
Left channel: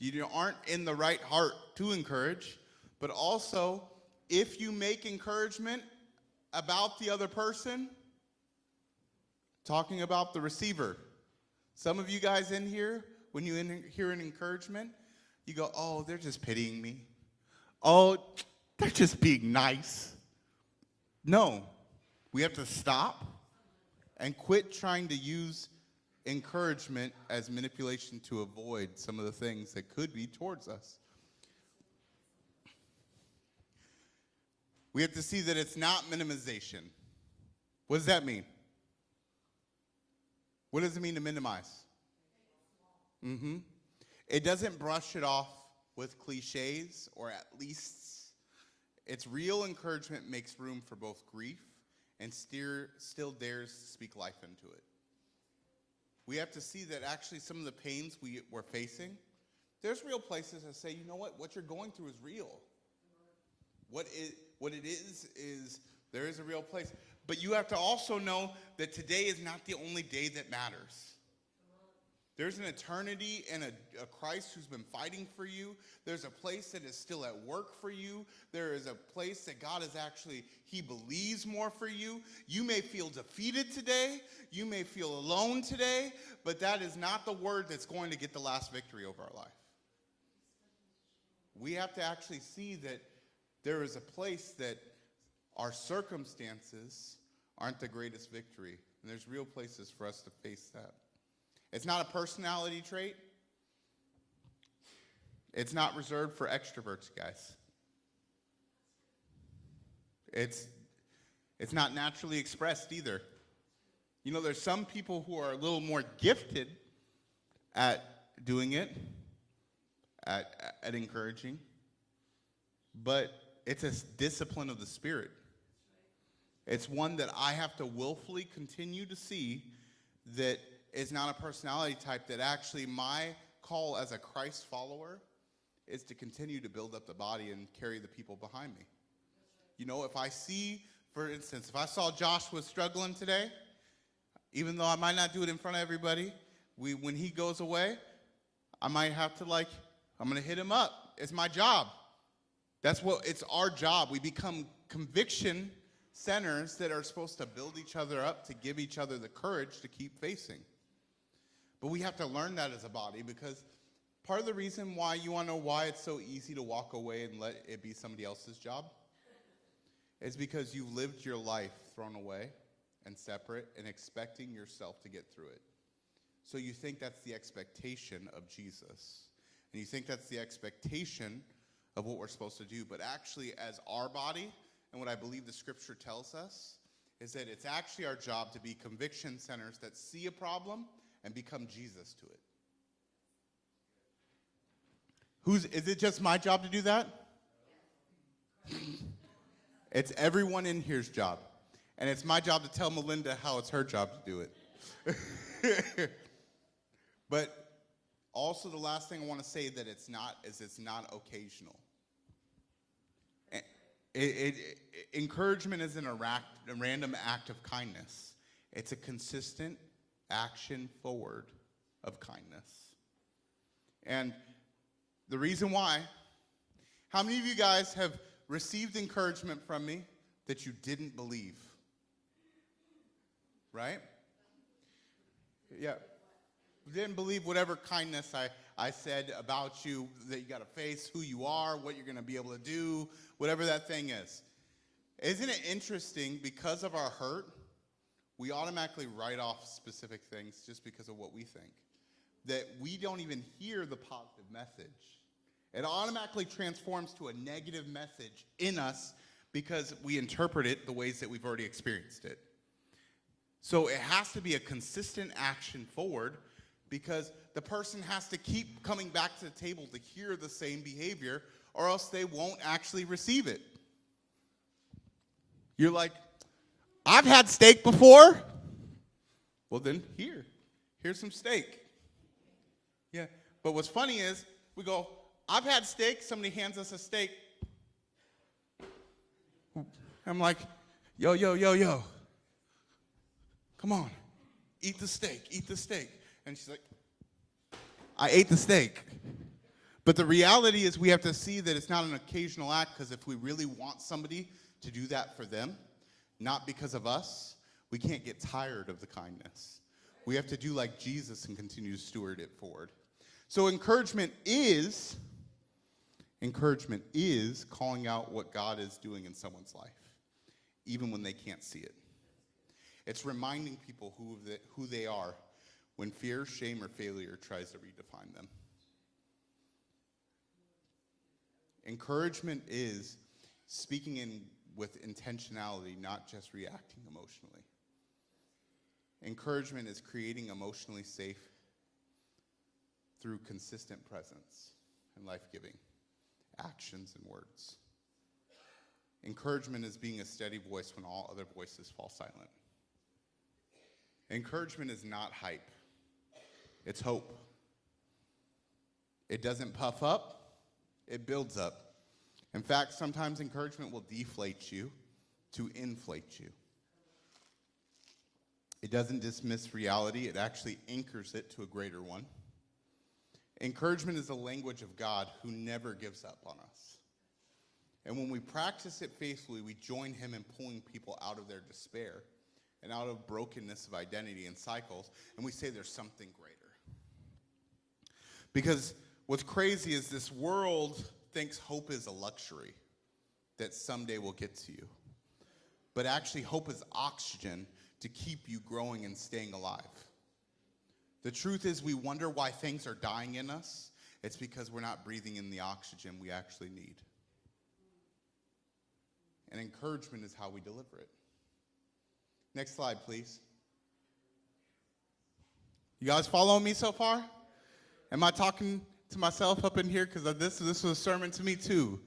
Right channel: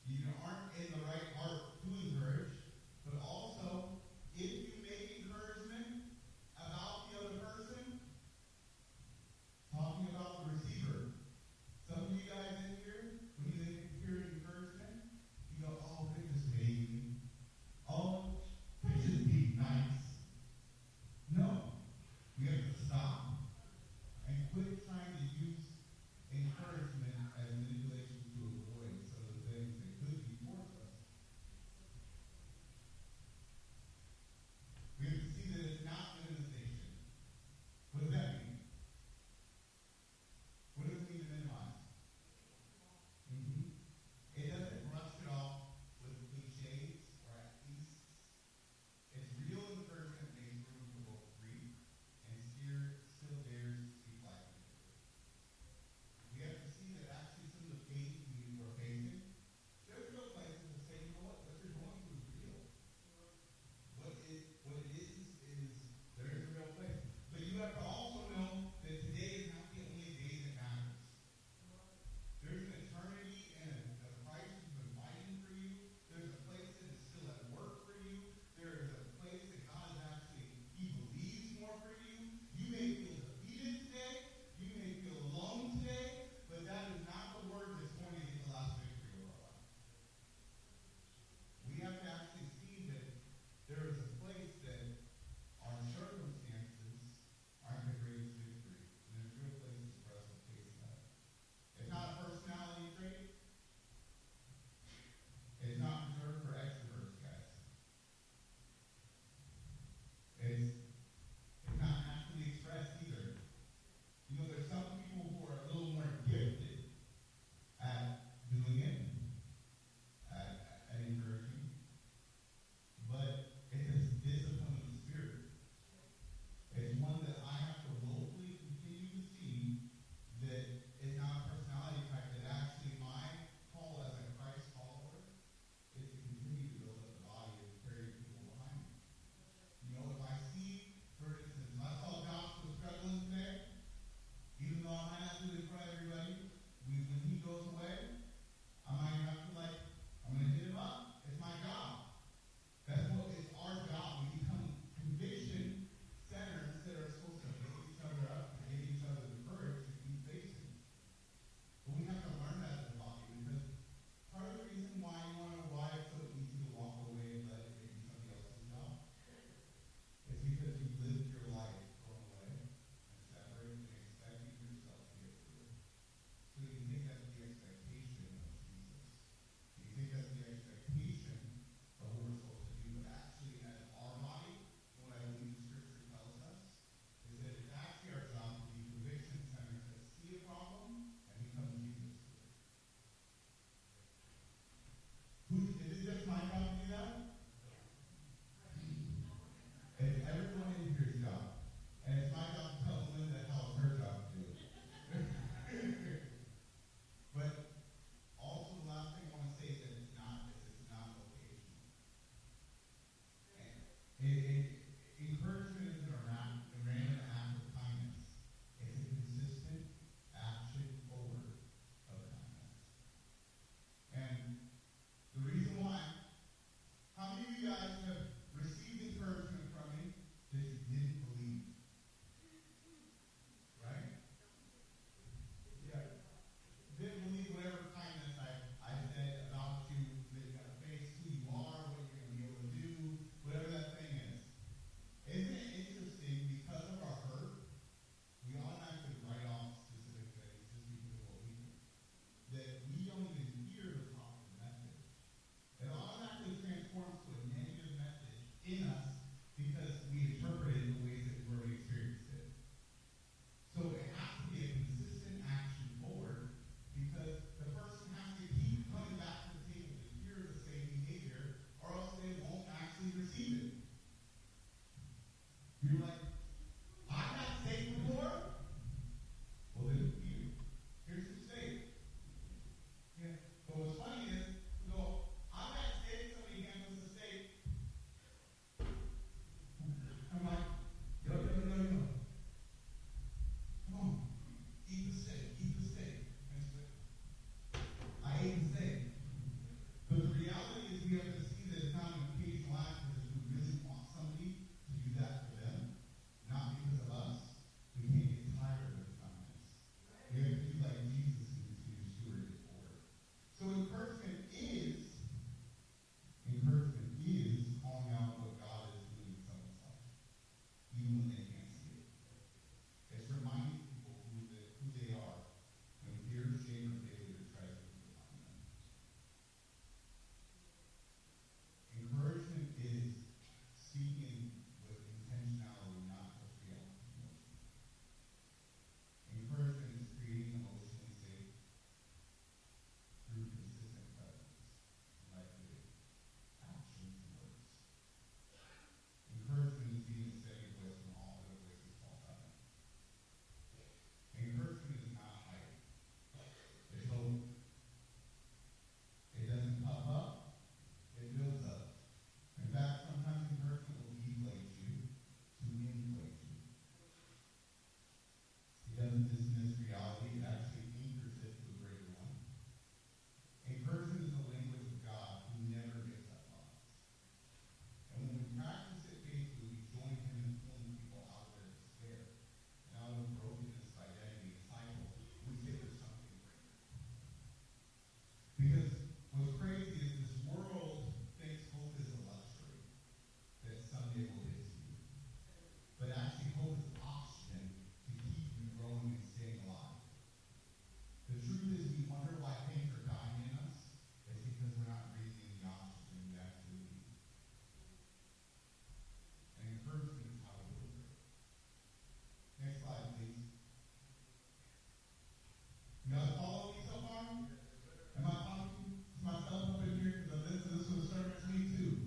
you aren't in the right heart to encourage. But also, if you make encouragement about the other person, talking about the receiver, some of you guys in here, when you hear an encouragement, you go, oh, they're just pitying me. Oh, they're just being nice. No, we have to stop and quit trying to use encouragement as manipulation to avoid some of the things that could be towards us. We have to see that it's not minimization. What does that mean? What does it mean to minimize? It doesn't brush it off with cliches or at least. It's real encouragement makes room for both grief and still dares to speak life into it. we have to see that actually some of the pains we're facing, there's real places that say, you know what you're going through is real. What it is there is a real place. But you have to also know that today is not the only day that matters. There's an eternity and a Christ who's been fighting for you. There's a place that is still at work for you. There is a place that God is actually, he believes more for you. You may feel defeated today. You may feel alone today. But that is not the word that's going to get the last victory over our life. We have to actually see that there is a place that our circumstances aren't the greatest victory. And there's real places for us to face that. It's not a personality trait. It's not reserved for extroverts, guys. It's not naturally expressed either. You know, there's some people who are a little more gifted at doing it, at encouraging, but it's a discipline of the Spirit. It's one that I have to willfully continue to see that is not a personality type, that actually my call as a Christ follower is to continue to build up the body and carry the people behind me. You know, if I see, for instance, if I saw Joshua struggling today, even though I might not do it in front of everybody, when he goes away, I might have to I'm going to hit him up. It's my job. It's our job. We become conviction centers that are supposed to build each other up, to give each other the courage to keep facing. But we have to learn that as a body, because part of the reason why you want to know why it's so easy to walk away and let it be somebody else's job is because you've lived your life thrown away and separate and expecting yourself to get through it. So you think that's the expectation of Jesus. And you think that's the expectation of what we're supposed to do. But actually, as our body, and what I believe the scripture tells us, is that it's actually our job to be conviction centers that see a problem and become Jesus to it. Is it just my job to do that? It's everyone in here's job. And it's my job to tell Melinda how it's her job to do it. But also the last thing I want to say that it's not occasional. Encouragement isn't a random act of kindness. It's a consistent action forward of kindness. And the reason why, how many of you guys have received encouragement from me that you didn't believe? Right? Yeah. You didn't believe whatever kindness I said about you, that you got to face who you are, what you're going to be able to do, whatever that thing is. Isn't it interesting, because of our hurt, we automatically write off specific things just because of what we think, that we don't even hear the positive message. It automatically transforms to a negative message in us because we interpret it the ways that we've already experienced it. So it has to be a consistent action forward, because the person has to keep coming back to the table to hear the same behavior, or else they won't actually receive it. You're like, I've had steak before. Well, then here's some steak. Yeah, but what's funny is we go, I've had steak, somebody hands us a steak. I'm like, yo. Come on, eat the steak. And she's like, I ate the steak. But the reality is we have to see that it's not an occasional act, because if we really want somebody to do that for them, not because of us, we can't get tired of the kindness. We have to do like Jesus and continue to steward it forward. So encouragement is calling out what God is doing in someone's life, even when they can't see it. It's reminding people who they are when fear, shame, or failure tries to redefine them. Encouragement is speaking with intentionality, not just reacting emotionally. Encouragement is creating emotionally safe through consistent presence and life-giving actions and words. Encouragement is being a steady voice when all other voices fall silent. Encouragement is not hype. It's hope. It doesn't puff up, it builds up. In fact, sometimes encouragement will deflate you to inflate you. It doesn't dismiss reality, it actually anchors it to a greater one. Encouragement is the language of God who never gives up on us. And when we practice it faithfully, we join him in pulling people out of their despair and out of brokenness of identity and cycles, and we say there's something greater. Because what's crazy is this world thinks hope is a luxury that someday will get to you. But actually, hope is oxygen to keep you growing and staying alive. The truth is, we wonder why things are dying in us. It's because we're not breathing in the oxygen we actually need. And encouragement is how we deliver it. Next slide, please. You guys following me so far? Am I talking to myself up in here? Because this was a sermon to me too.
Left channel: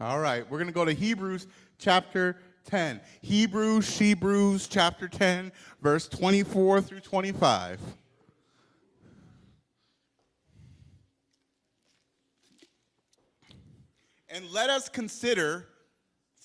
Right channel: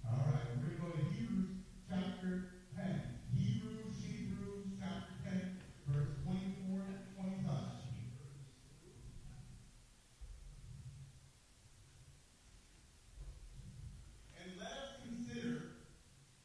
All right, we're going to go to Hebrews chapter 10. Hebrews chapter 10, verse 24 through 25. And let us consider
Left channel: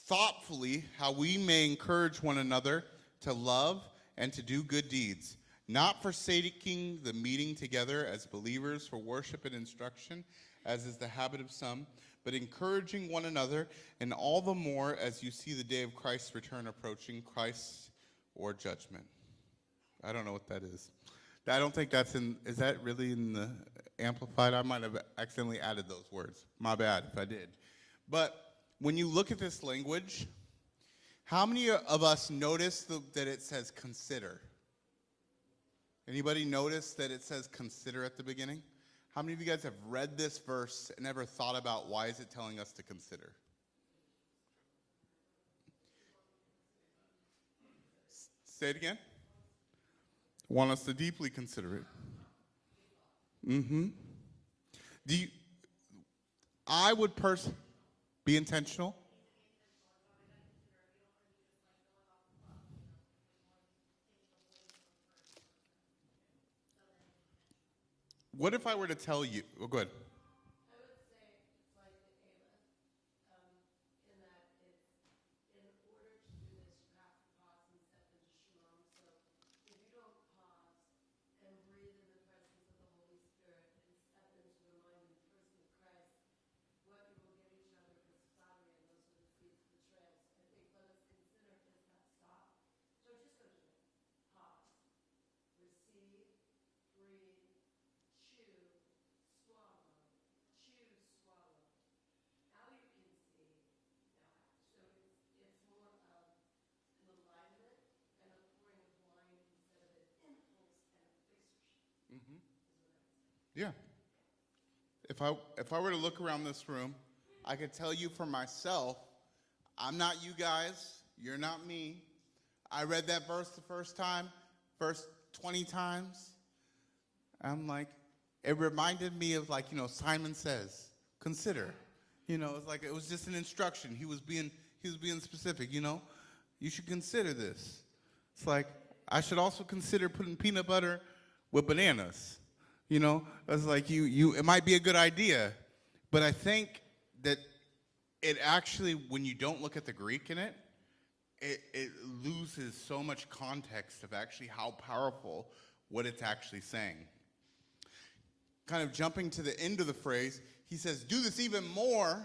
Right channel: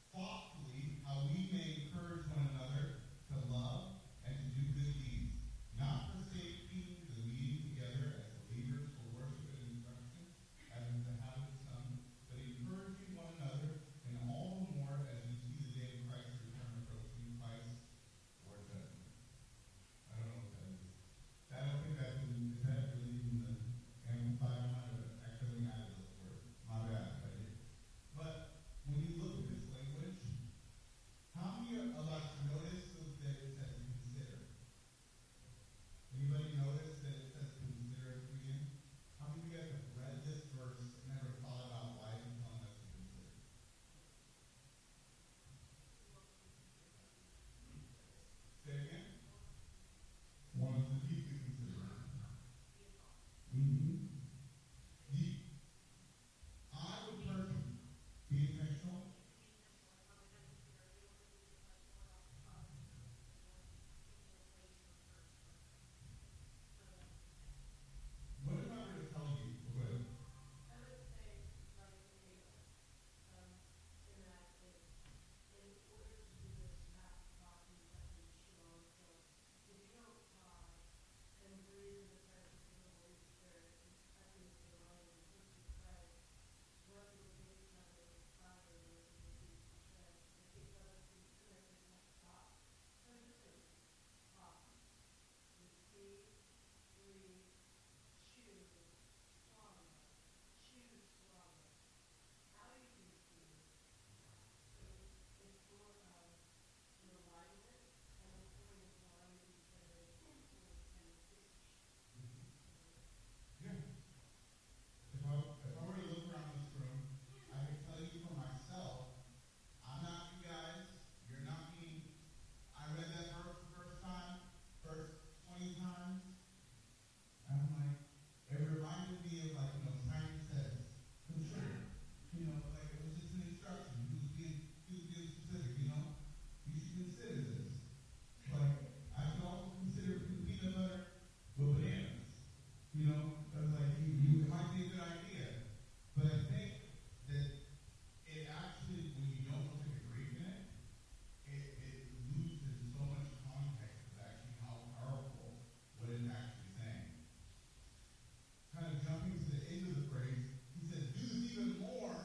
thoughtfully how we may encourage one another to love and to do good deeds, not forsaking the meeting together as believers for worship and instruction, as is the habit of some, but encouraging one another, and all the more as you see the day of Christ's return approaching, Christ or judgment. I don't know what that is. I don't think that's is that really in the Amplified? I might have accidentally added those words. My bad if I did. But when you look at this language, how many of us notice that it says consider? Anybody notice that it says consider at the beginning? How many of you guys have read this verse and ever thought about why is it telling us to consider? Say it again. Want us to deeply consider it. I would personally be intentional. What if I were to tell you, oh, go ahead. Yeah. If I were to look around this room, I could tell you for myself, I'm not you guys, you're not me. I read that verse the first time, verse 20 times. I'm like, it reminded me of Simon Says, consider. It's like it was just an instruction. He was being specific, You should consider this. It's like I should also consider putting peanut butter with bananas. It's like it might be a good idea, but I think that it actually, when you don't look at the Greek in it, it loses so much context of actually how powerful what it's actually saying. Kind of jumping to the end of the phrase, he says, do this even more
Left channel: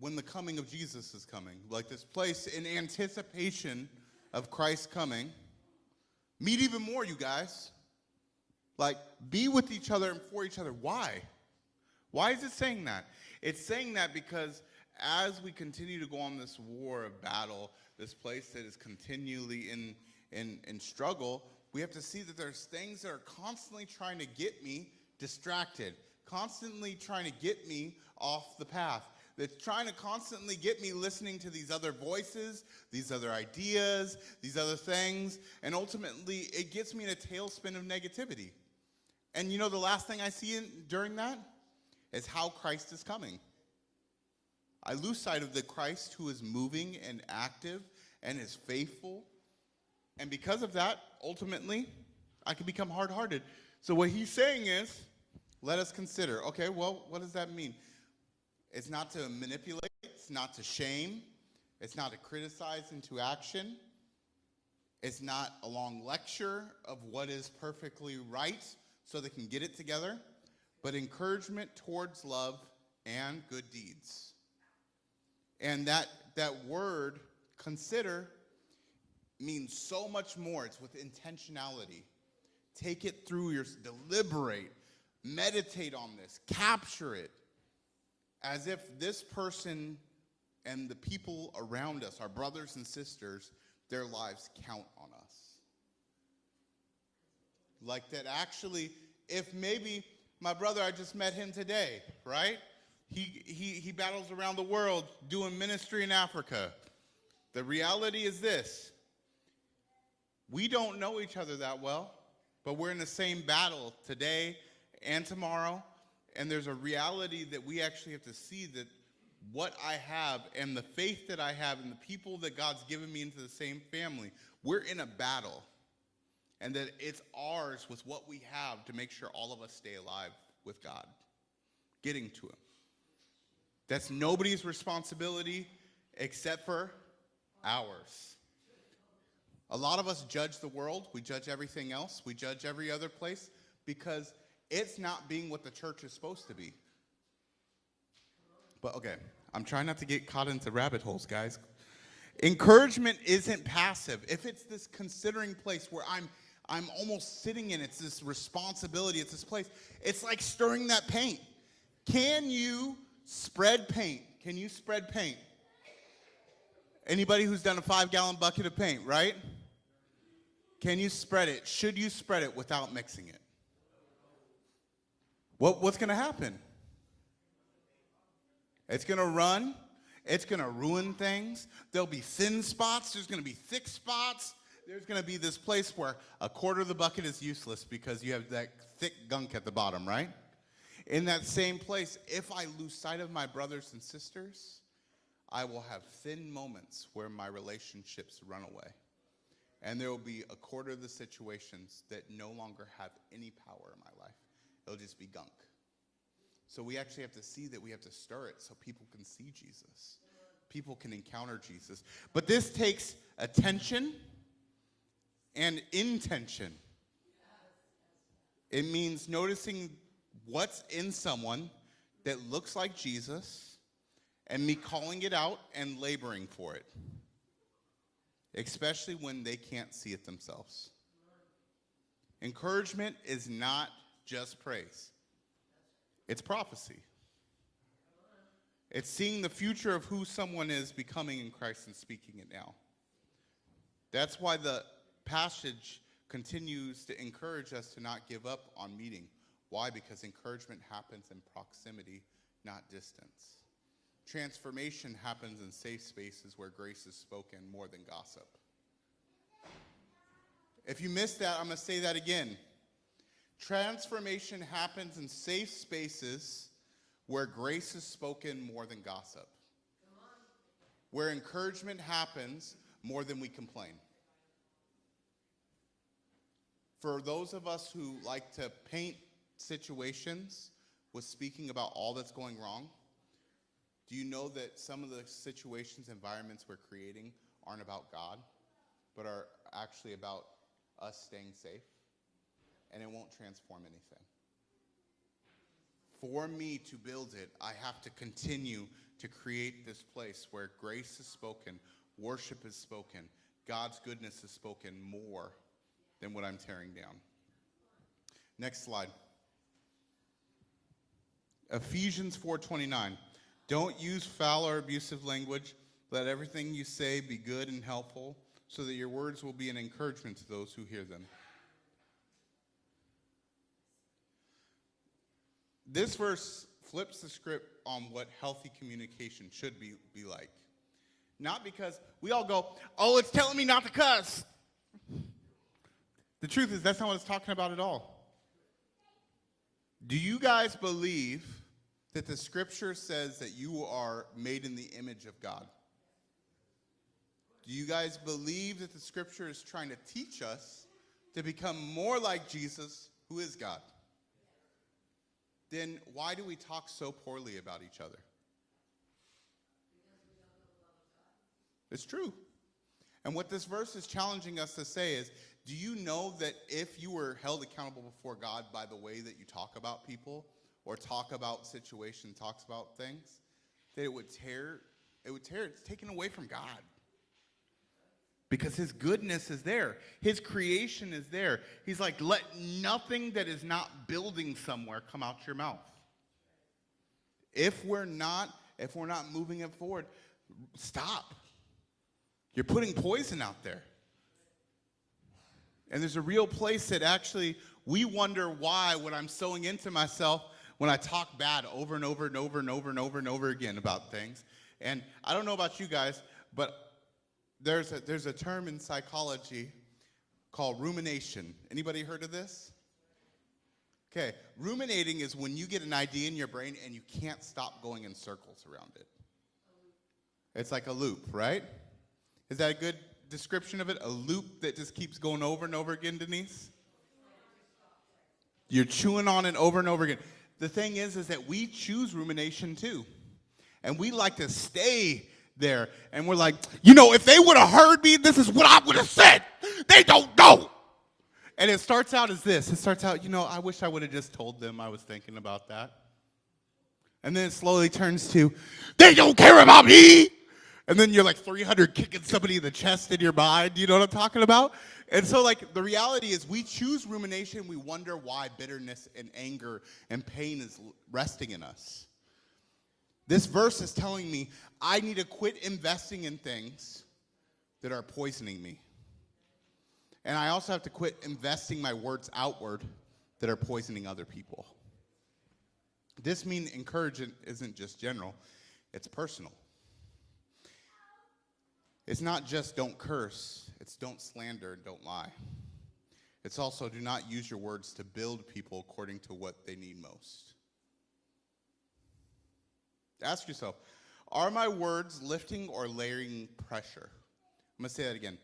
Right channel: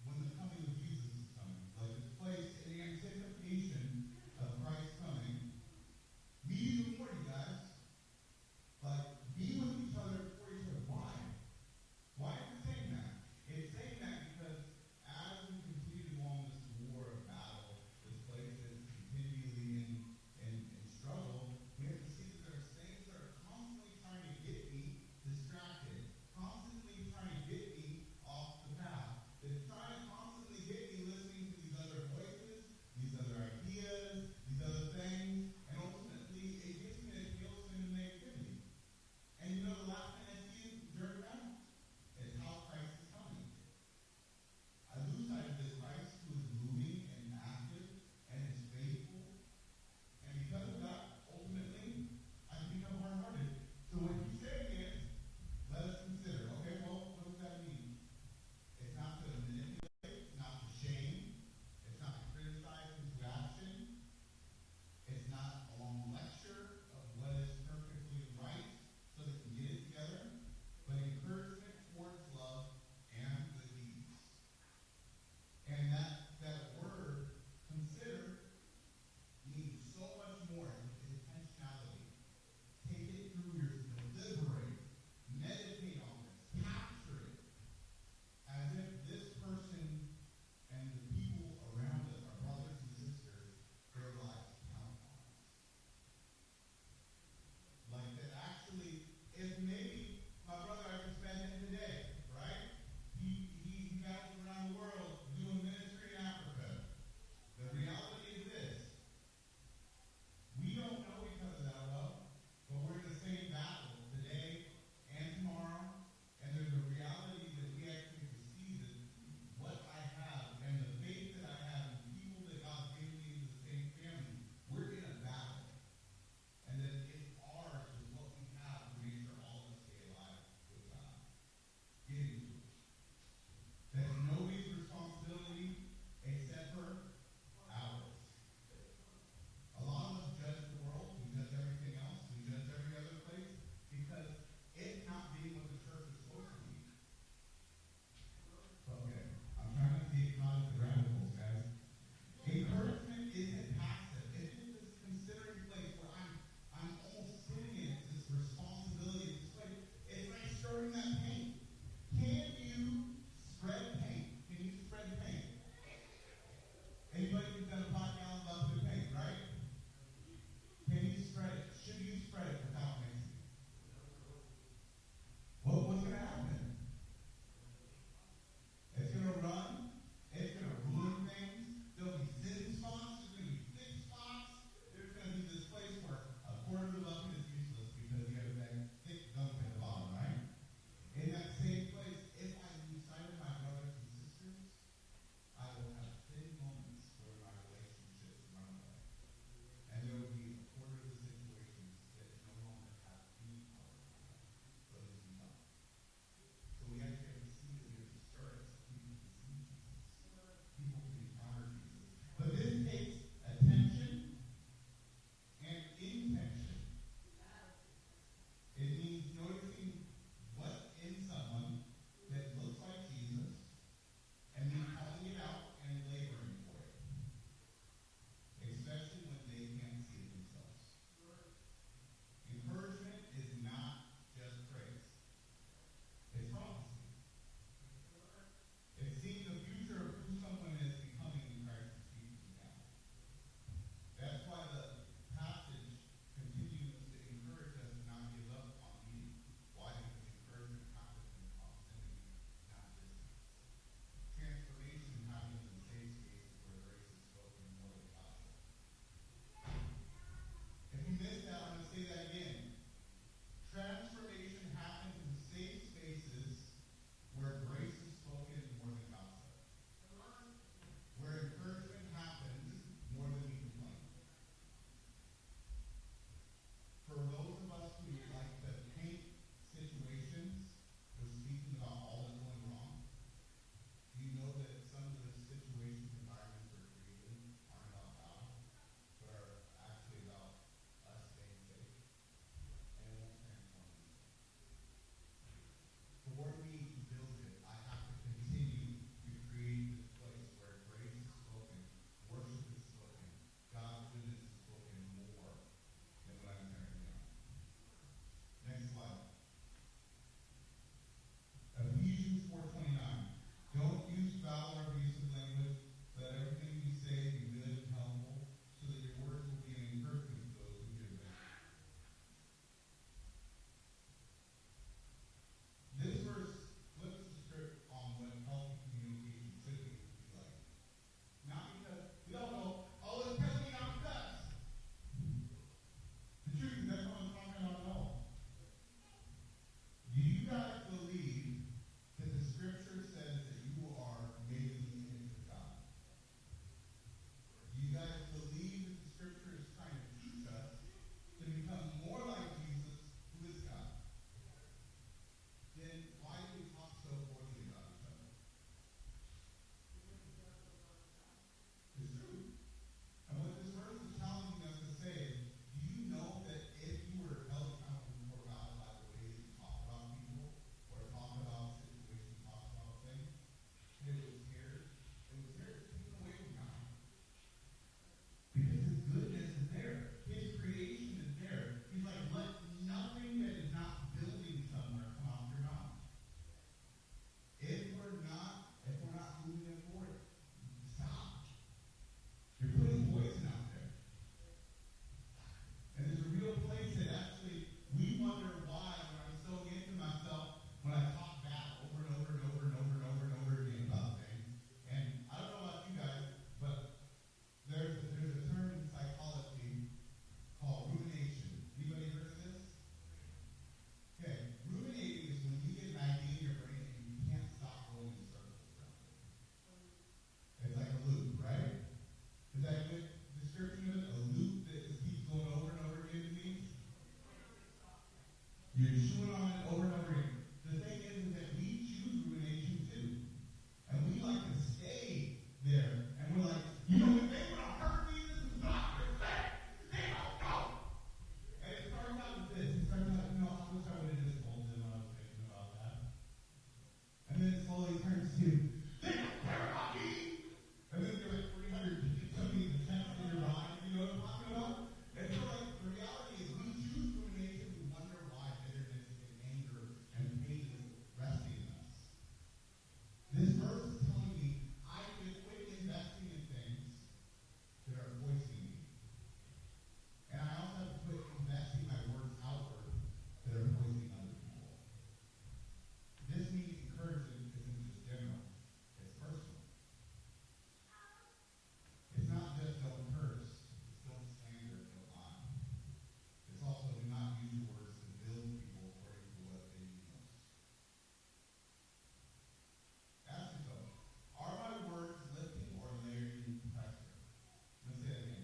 when the coming of Jesus is coming. Like this place in anticipation of Christ coming. Meet even more, you guys. Like, be with each other and for each other. Why? Why is it saying that? It's saying that because as we continue to go on this war of battle, this place that is continually in struggle, we have to see that there's things that are constantly trying to get me distracted, constantly trying to get me off the path, that's trying to constantly get me listening to these other voices, these other ideas, these other things, and ultimately it gets me in a tailspin of negativity. And the last thing I see during that is how Christ is coming. I lose sight of the Christ who is moving and active and is faithful. And because of that, ultimately, I can become hard-hearted. So what he's saying is, let us consider. Okay, well, what does that mean? It's not to manipulate. It's not to shame. It's not to criticize into action. It's not a long lecture of what is perfectly right so they can get it together, but encouragement towards love and good deeds. And that word, consider, means so much more. It's with intentionality. Take it through your, deliberate, meditate on this, capture it, as if this person and the people around us, our brothers and sisters, their lives count on us. Like that actually, if maybe my brother, I just met him today, right? He battles around the world doing ministry in Africa. The reality is this. We don't know each other that well, but we're in the same battle today and tomorrow. And there's a reality that we actually have to see that what I have and the faith that I have and the people that God's given me into the same family, we're in a battle. And that it's ours with what we have to make sure all of us stay alive with God, getting to him. That's nobody's responsibility except for ours. A lot of us judge the world. We judge everything else. We judge every other place because it's not being what the church is supposed to be. But okay, I'm trying not to get caught into rabbit holes, guys. Encouragement isn't passive. If it's this considering place where I'm almost sitting in, it's this responsibility, it's this place. It's like stirring that paint. Can you spread paint? Can you spread paint? Anybody who's done a 5-gallon bucket of paint, right? Can you spread it? Should you spread it without mixing it? What's going to happen? It's going to run. It's going to ruin things. There'll be thin spots. There's going to be thick spots. There's going to be this place where a quarter of the bucket is useless because you have that thick gunk at the bottom, right? In that same place, if I lose sight of my brothers and sisters, I will have thin moments where my relationships run away. And there will be a quarter of the situations that no longer have any power in my life. They'll just be gunk. So we actually have to see that we have to stir it so people can see Jesus. People can encounter Jesus. But this takes attention and intention. It means noticing what's in someone that looks like Jesus and me calling it out and laboring for it, especially when they can't see it themselves. Encouragement is not just praise. It's prophecy. It's seeing the future of who someone is becoming in Christ and speaking it now. That's why the passage continues to encourage us to not give up on meeting. Why? Because encouragement happens in proximity, not distance. Transformation happens in safe spaces where grace is spoken more than gossip. If you missed that, I'm going to say that again. Transformation happens in safe spaces where grace is spoken more than gossip. Where encouragement happens more than we complain. For those of us who like to paint situations with speaking about all that's going wrong, do you know that some of the situations, environments we're creating aren't about God, but are actually about us staying safe? And it won't transform anything. For me to build it, I have to continue to create this place where grace is spoken, worship is spoken, God's goodness is spoken more than what I'm tearing down. Next slide. Ephesians 4:29. Don't use foul or abusive language. Let everything you say be good and helpful, so that your words will be an encouragement to those who hear them. This verse flips the script on what healthy communication should be like. Not because we all go, oh, it's telling me not to cuss. The truth is, that's not what it's talking about at all. Do you guys believe that the scripture says that you are made in the image of God? Do you guys believe that the scripture is trying to teach us to become more like Jesus, who is God, then why do we talk so poorly about each other? It's true. And what this verse is challenging us to say is, do you know that if you were held accountable before God by the way that you talk about people or talk about situations, talks about things, that it's taken away from God? Because his goodness is there. His creation is there. He's like, let nothing that is not building somewhere come out your mouth. If we're not moving it forward, stop. You're putting poison out there. And there's a real place that actually we wonder why when I'm sowing into myself, when I talk bad over and over and over and over and over and over again about things. And I don't know about you guys, but there's a term in psychology called rumination. Anybody heard of this? Okay, ruminating is when you get an idea in your brain and you can't stop going in circles around it. It's like a loop, right? Is that a good description of it? A loop that just keeps going over and over again, Denise? You're chewing on it over and over again. The thing is that we choose rumination too. And we like to stay there. And we're like, if they would have heard me, this is what I would have said. They don't know. And it starts out as this. It starts out, I wish I would have just told them I was thinking about that. And then it slowly turns to, they don't care about me. And then you're like 300 kicking somebody in the chest in your mind. You know what I'm talking about? And so, the reality is we choose rumination. We wonder why bitterness and anger and pain is resting in us. This verse is telling me I need to quit investing in things that are poisoning me. And I also have to quit investing my words outward that are poisoning other people. This means encouragement isn't just general, it's personal. It's not just don't curse, it's don't slander, don't lie. It's also do not use your words to build people according to what they need most. Ask yourself, are my words lifting or layering pressure? I'm going to say that again.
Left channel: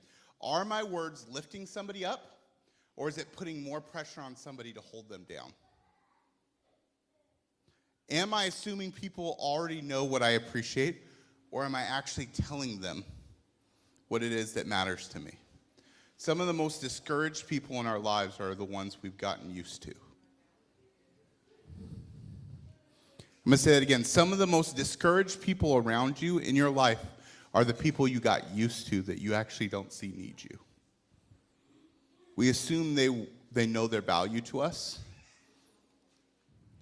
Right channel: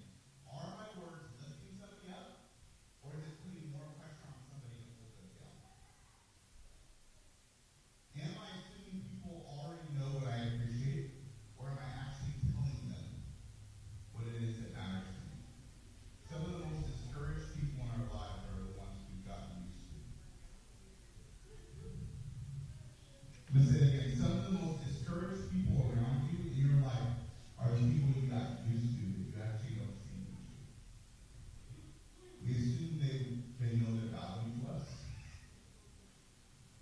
Are my words lifting somebody up, or is it putting more pressure on somebody to hold them down? Am I assuming people already know what I appreciate, or am I actually telling them what it is that matters to me? Some of the most discouraged people in our lives are the ones we've gotten used to. I'm going to say that again. Some of the most discouraged people around you in your life are the people you got used to that you actually don't see need you. We assume they know their value to us.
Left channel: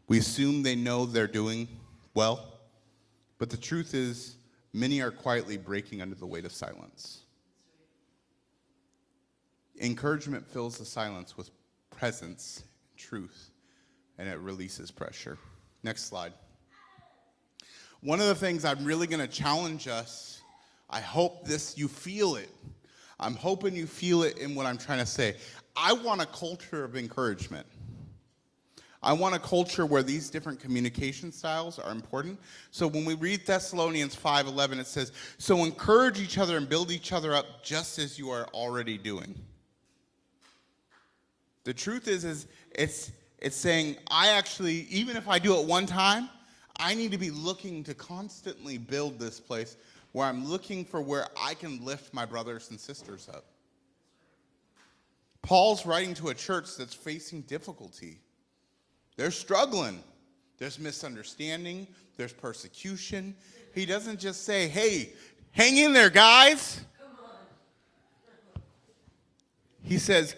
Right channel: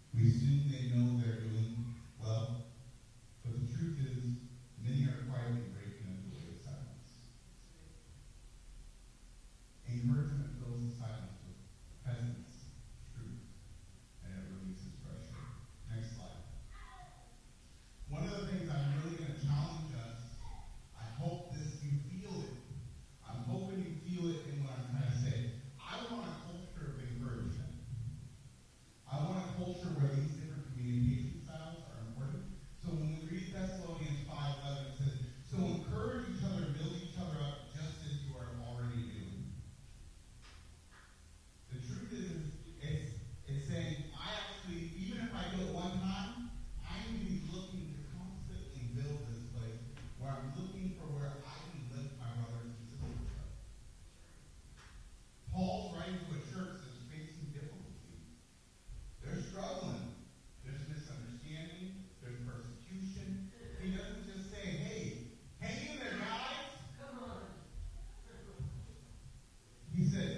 We assume they know they're doing well. But the truth is, many are quietly breaking under the weight of silence. Encouragement fills the silence with presence, truth, and it releases pressure. Next slide. One of the things I'm really going to challenge us, I hope you feel it. I'm hoping you feel it in what I'm trying to say. I want a culture of encouragement. I want a culture where these different communication styles are important. So when we read Thessalonians 5:11, it says, so encourage each other and build each other up just as you are already doing. The truth is it's saying, I actually, even if I do it one time, I need to be looking to constantly build this place where I'm looking for where I can lift my brothers and sisters up. Paul's writing to a church that's facing difficulty. They're struggling. There's misunderstanding. There's persecution. He doesn't just say, hey, hang in there, guys. He says,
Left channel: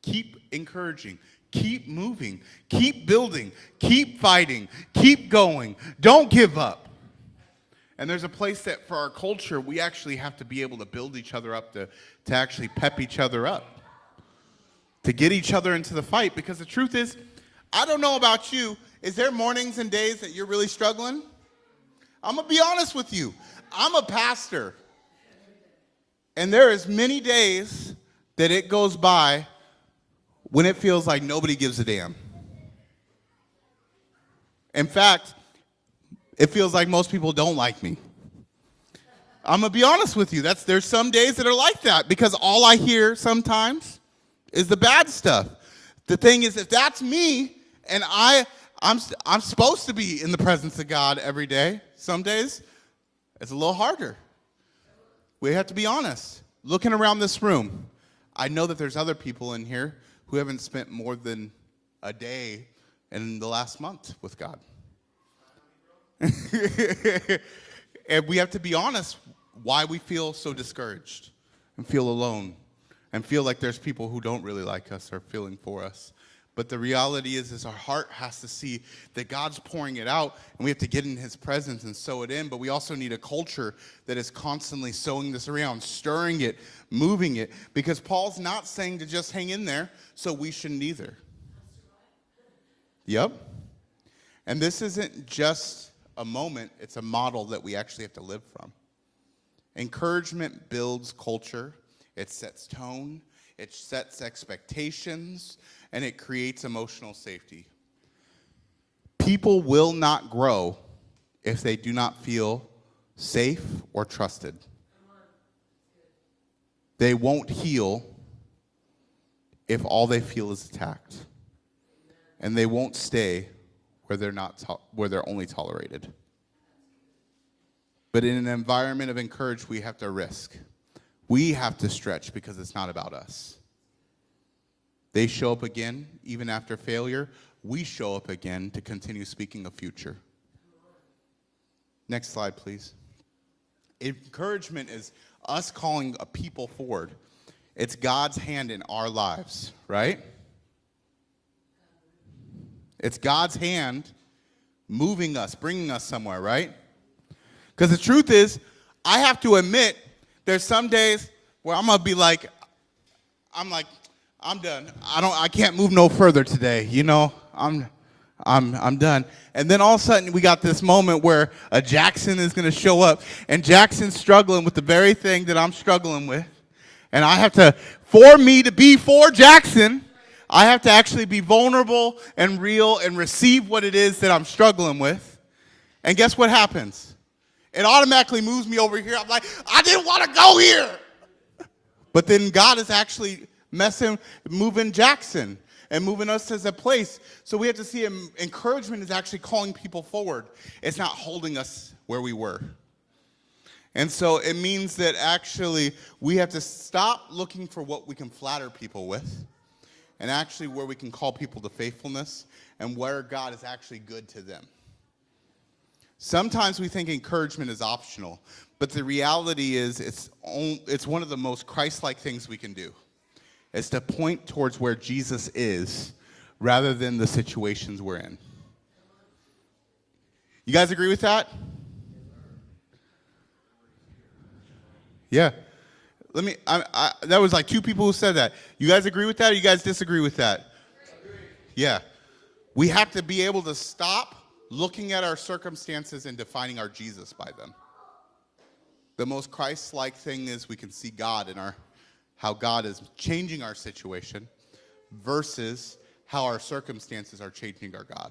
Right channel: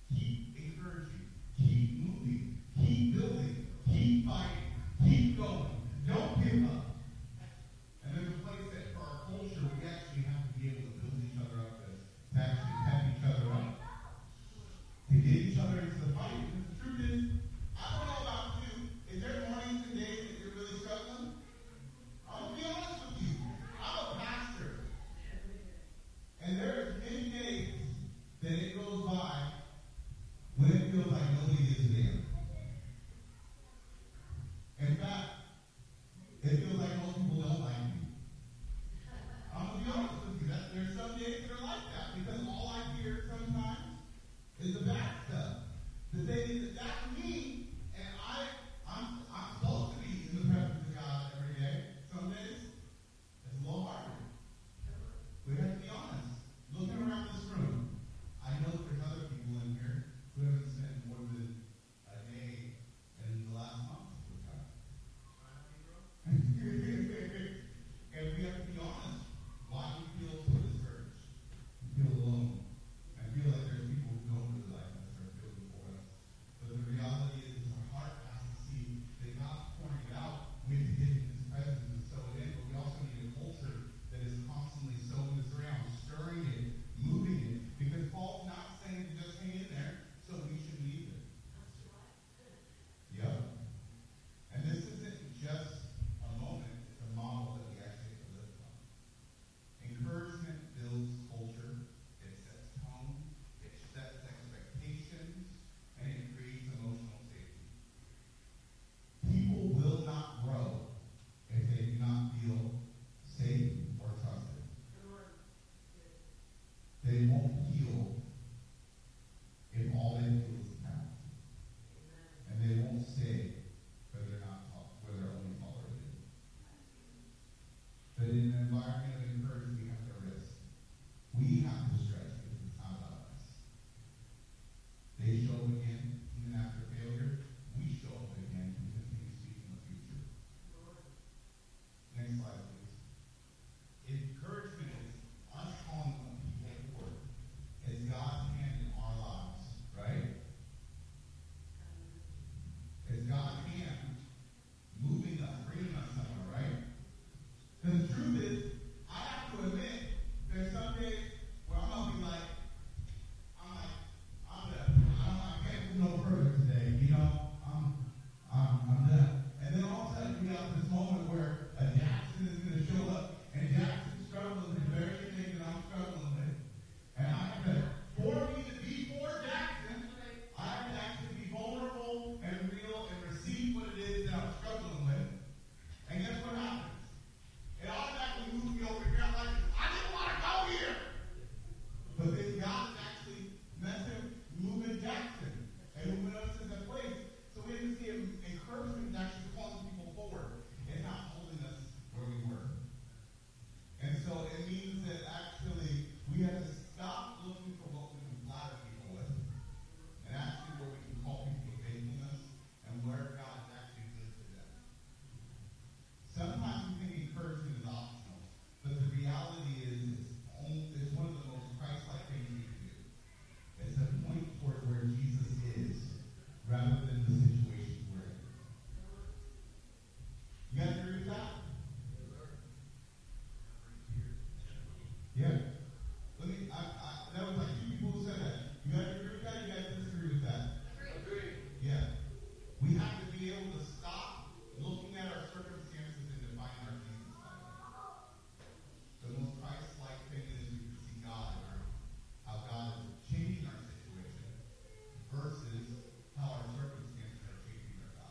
keep encouraging. Keep moving, keep building, keep fighting, keep going. Don't give up. And there's a place that for our culture, we actually have to be able to build each other up, to actually pep each other up, to get each other into the fight. Because the truth is, I don't know about you, is there mornings and days that you're really struggling? I'm going to be honest with you. I'm a pastor. And there is many days that it goes by when it feels like nobody gives a damn. In fact, it feels like most people don't like me. I'm going to be honest with you. There's some days that are like that because all I hear sometimes is the bad stuff. The thing is, if that's me, and I'm supposed to be in the presence of God every day, some days, it's a little harder. We have to be honest. Looking around this room, I know that there's other people in here who haven't spent more than a day in the last month with God. And we have to be honest why we feel so discouraged and feel alone and feel like there's people who don't really like us or feeling for us. But the reality is our heart has to see that God's pouring it out, and we have to get in his presence and sow it in. But we also need a culture that is constantly sowing this around, stirring it, moving it. Because Paul's not saying to just hang in there, so we shouldn't either. Yep. And this isn't just a moment, it's a model that we actually have to live from. Encouragement builds culture, it sets tone, it sets expectations, and it creates emotional safety. People will not grow if they do not feel safe or trusted. They won't heal if all they feel is attacked. And they won't stay where they're only tolerated. But in an environment of encouragement, we have to risk. We have to stretch because it's not about us. They show up again, even after failure. We show up again to continue speaking a future. Next slide, please. Encouragement is us calling a people forward. It's God's hand in our lives, right? It's God's hand moving us, bringing us somewhere, right? Because the truth is, I have to admit, there's some days where I'm gonna be like, I'm done. I can't move no further today. You know, I'm done. And then all of a sudden we got this moment where a Jackson is gonna show up, and Jackson's struggling with the very thing that I'm struggling with, and I have to, for me to be for Jackson, I have to actually be vulnerable and real and receive what it is that I'm struggling with. And guess what happens? It automatically moves me over here. I'm like, I didn't want to go here. But then God is actually moving Jackson and moving us as a place. So we have to see encouragement is actually calling people forward. It's not holding us where we were. And so it means that actually we have to stop looking for what we can flatter people with, and actually where we can call people to faithfulness and where God is actually good to them. Sometimes we think encouragement is optional, but the reality is it's one of the most Christ-like things we can do. It's to point towards where Jesus is rather than the situations we're in. You guys agree with that? Yeah. That was like two people who said that. You guys agree with that, or you guys disagree with that? Agree. Yeah. We have to be able to stop looking at our circumstances and defining our Jesus by them. The most Christ-like thing is we can see God in how God is changing our situation versus how our circumstances are changing our God.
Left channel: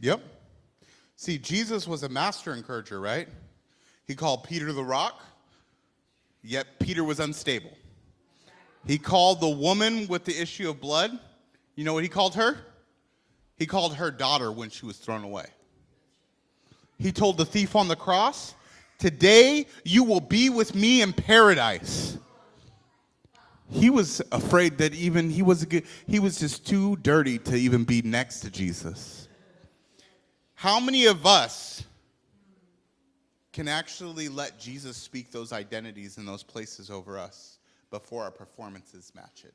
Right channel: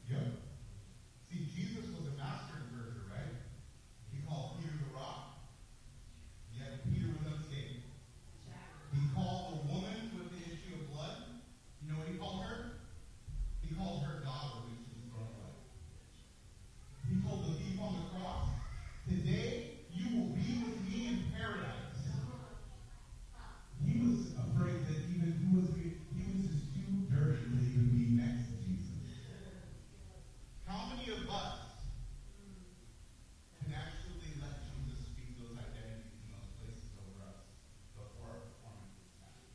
Yep. See, Jesus was a master encourager, right? He called Peter the rock, yet Peter was unstable. He called the woman with the issue of blood. You know what he called her? He called her daughter when she was thrown away. He told the thief on the cross, today you will be with me in paradise. He was afraid that he was just too dirty to even be next to Jesus. How many of us can actually let Jesus speak those identities in those places over us before our performances match it?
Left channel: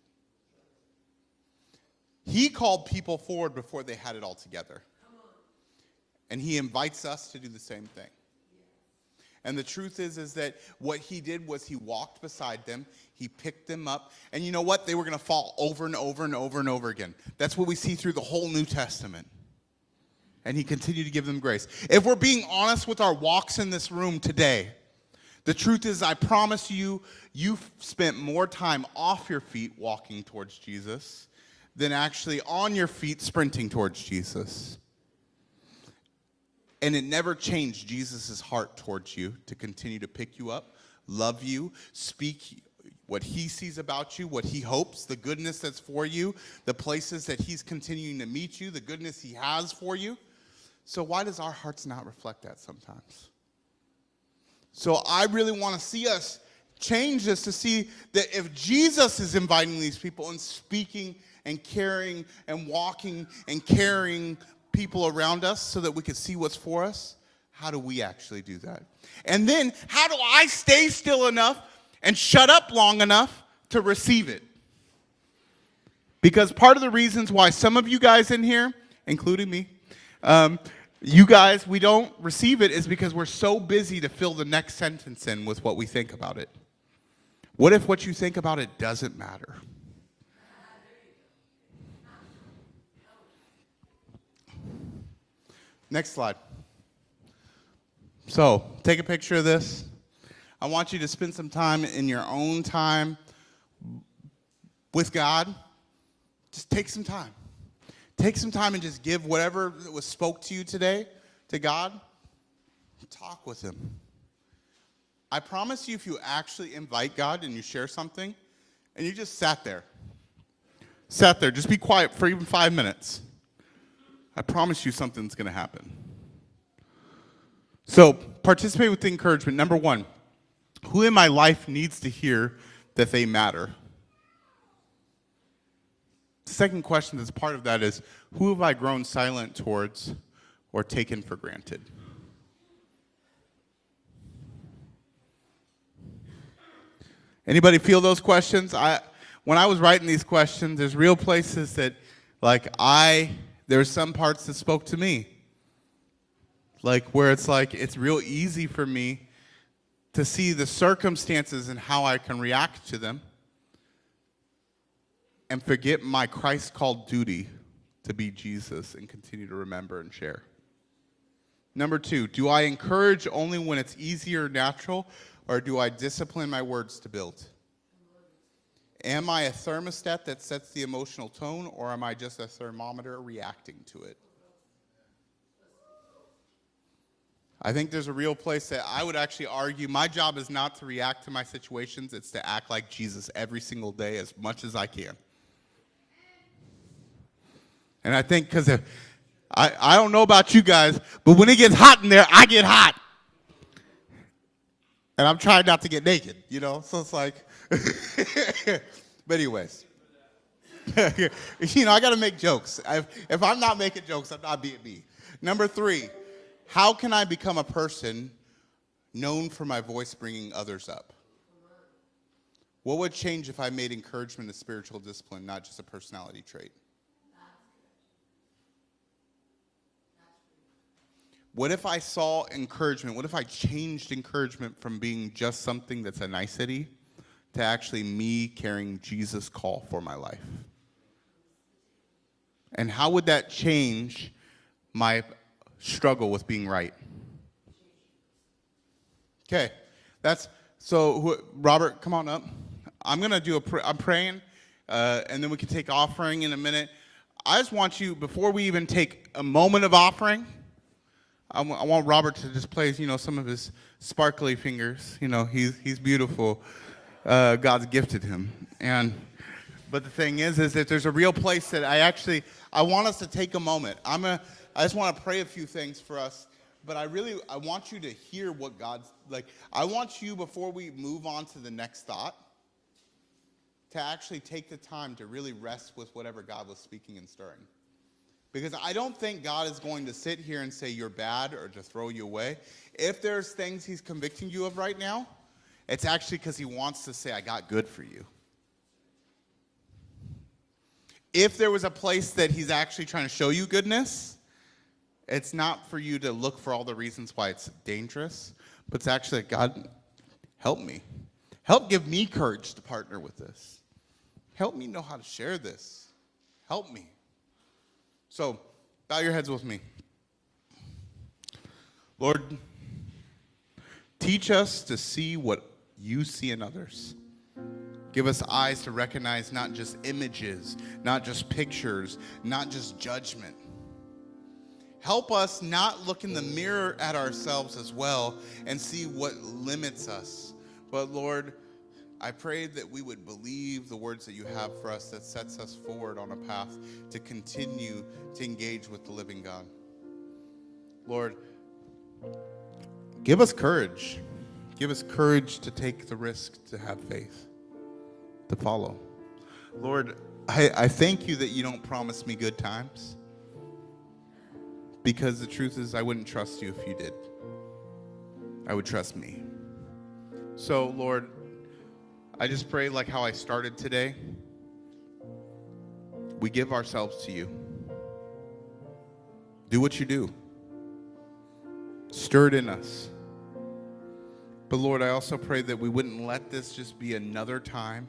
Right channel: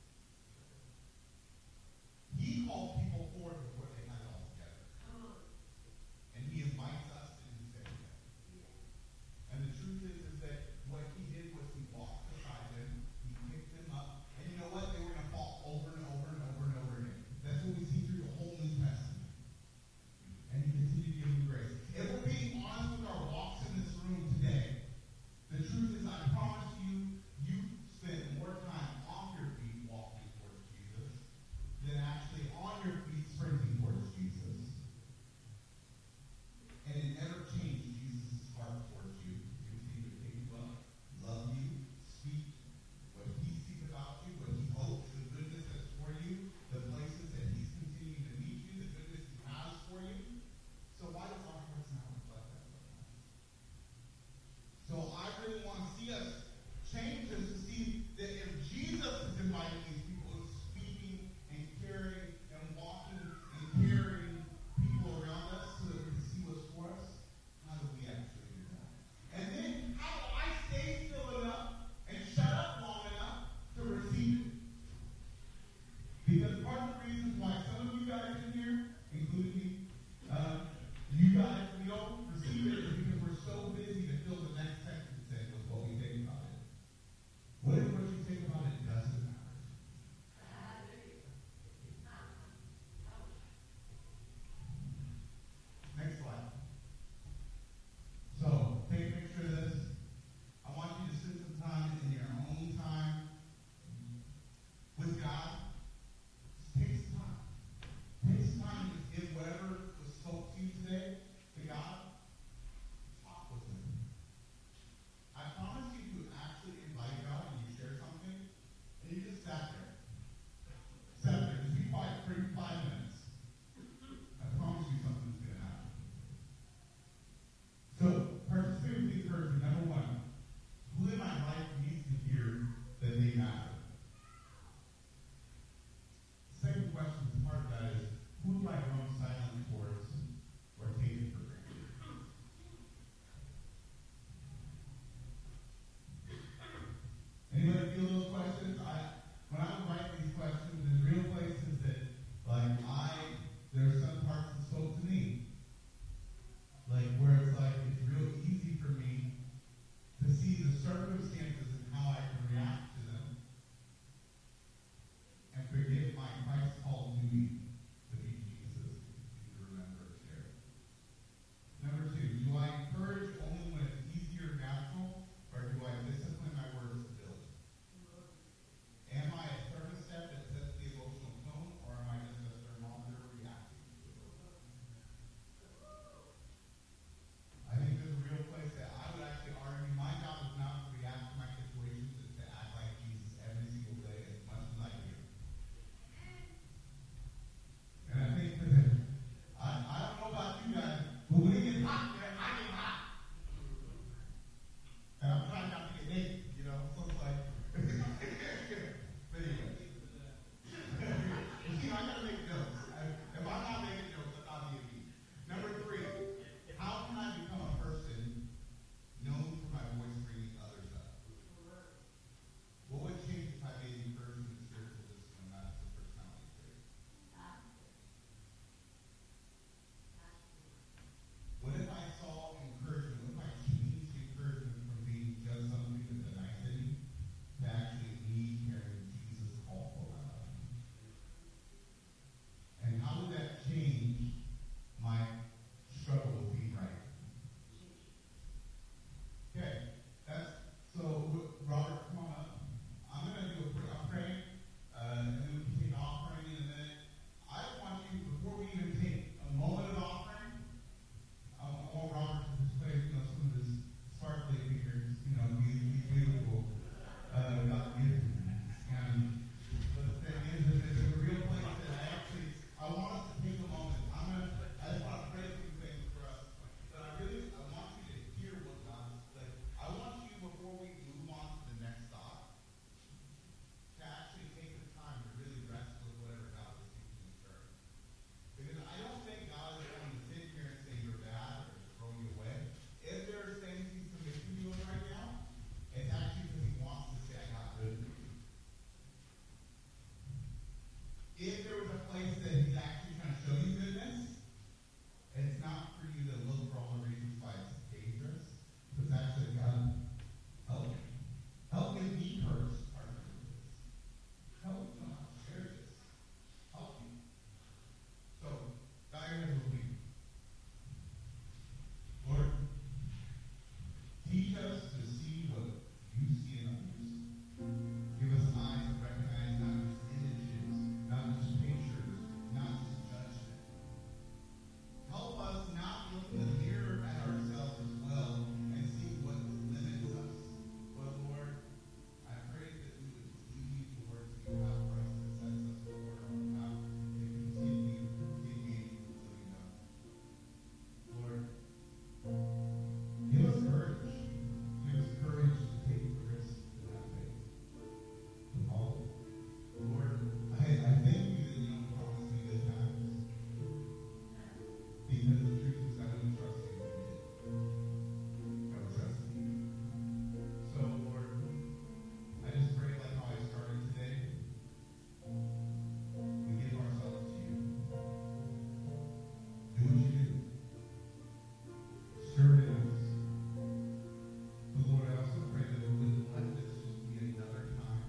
He called people forward before they had it all together. And he invites us to do the same thing. And the truth is that what he did was he walked beside them, he picked them up, and you know what? They were going to fall over and over and over and over again. That's what we see through the whole New Testament. And he continued to give them grace. If we're being honest with our walks in this room today, the truth is, I promise you, you've spent more time off your feet walking towards Jesus than actually on your feet sprinting towards Jesus. And it never changed Jesus' heart towards you to continue to pick you up, love you, speak what he sees about you, what he hopes, the goodness that's for you, the places that he's continuing to meet you, the goodness he has for you. So why does our hearts not reflect that sometimes? So I really want to see us change this to see that if Jesus is inviting these people and speaking and caring and walking and carrying people around us so that we can see what's for us, how do we actually do that? And then how do I stay still enough and shut up long enough to receive it? Because part of the reasons why some of you guys in here, including me, you guys, we don't receive it is because we're so busy to fill the next sentence in with what we think about it. What if what you think about it doesn't matter? Next slide. So, take a picture of this. I want you to spend some time in your own time with God. Just take some time. Take some time and just give whatever was spoke to you today to God. Talk with him. I promise you, if you actually invite God and you share something, and you just sat there, just be quiet for even 5 minutes, I promise you something's going to happen. So, participate with the encouragement. Number one, who in my life needs to hear that they matter? The second question that's part of that is, who have I grown silent towards or taken for granted? Anybody feel those questions? When I was writing these questions, there's real places that, there's some parts that spoke to me. Where it's real easy for me to see the circumstances and how I can react to them and forget my Christ-called duty to be Jesus and continue to remember and share. Number two, do I encourage only when it's easy or natural, or do I discipline my words to build? Am I a thermostat that sets the emotional tone, or am I just a thermometer reacting to it? I think there's a real place that I would actually argue my job is not to react to my situations, it's to act like Jesus every single day as much as I can. And I think because I don't know about you guys, but when it gets hot in there, I get hot. And I'm trying not to get naked, so it's like, but anyways, I got to make jokes. If I'm not making jokes, I'm not being me. Number three, how can I become a person known for my voice bringing others up? What would change if I made encouragement a spiritual discipline, not just a personality trait? What if I saw encouragement? What if I changed encouragement from being just something that's a nicety to actually me carrying Jesus' call for my life? And how would that change my struggle with being right? Okay, Robert, come on up. I'm gonna do I'm praying, and then we can take offering in a minute. I just want you, before we even take a moment of offering, I want Robert to just play, some of his sparkly fingers. He's beautiful. God's gifted him. But the thing is that there's a real place that I want us to take a moment. I just want to pray a few things for us, but I want you to hear what God's like. I want you, before we move on to the next thought, to actually take the time to really rest with whatever God was speaking and stirring. Because I don't think God is going to sit here and say you're bad or to throw you away. If there's things he's convicting you of right now, it's actually because he wants to say, I got good for you. If there was a place that he's actually trying to show you goodness, it's not for you to look for all the reasons why it's dangerous, but it's actually, God, help me. Help give me courage to partner with this. Help me know how to share this. Help me. So, bow your heads with me. Lord, teach us to see what you see in others. Give us eyes to recognize not just images, not just pictures, not just judgment. Help us not look in the mirror at ourselves as well and see what limits us. But Lord, I pray that we would believe the words that you have for us that sets us forward on a path to continue to engage with the living God. Lord, give us courage. Give us courage to take the risk, to have faith, to follow. Lord, I thank you that you don't promise me good times, because the truth is I wouldn't trust you if you did. I would trust me. So, Lord, I just pray like how I started today. We give ourselves to you. Do what you do. Stir it in us. But Lord, I also pray that we wouldn't let this just be another time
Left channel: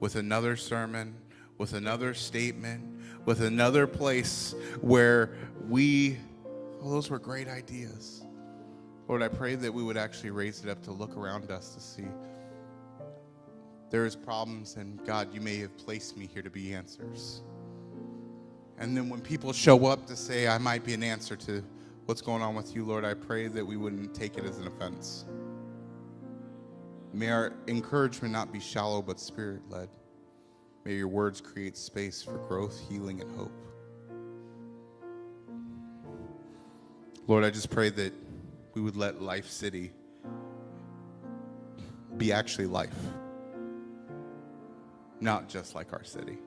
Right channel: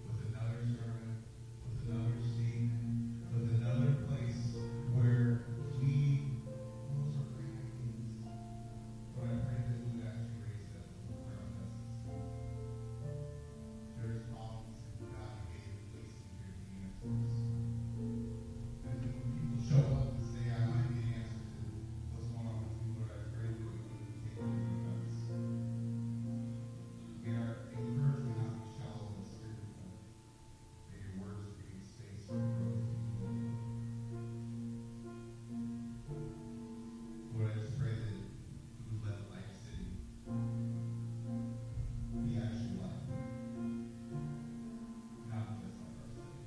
with another sermon, with another statement, with another place where those were great ideas. Lord, I pray that we would actually raise it up to look around us to see there is problems, and God, you may have placed me here to be answers. And then when people show up to say I might be an answer to what's going on with you, Lord, I pray that we wouldn't take it as an offense. May our encouragement not be shallow but spirit-led. May your words create space for growth, healing, and hope. Lord, I just pray that we would let Life City be actually life, not just like our city.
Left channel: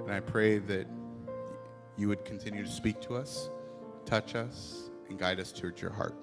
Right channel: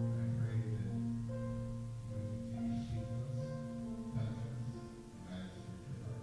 And I pray that you would continue to speak to us, touch us, and guide us towards your heart.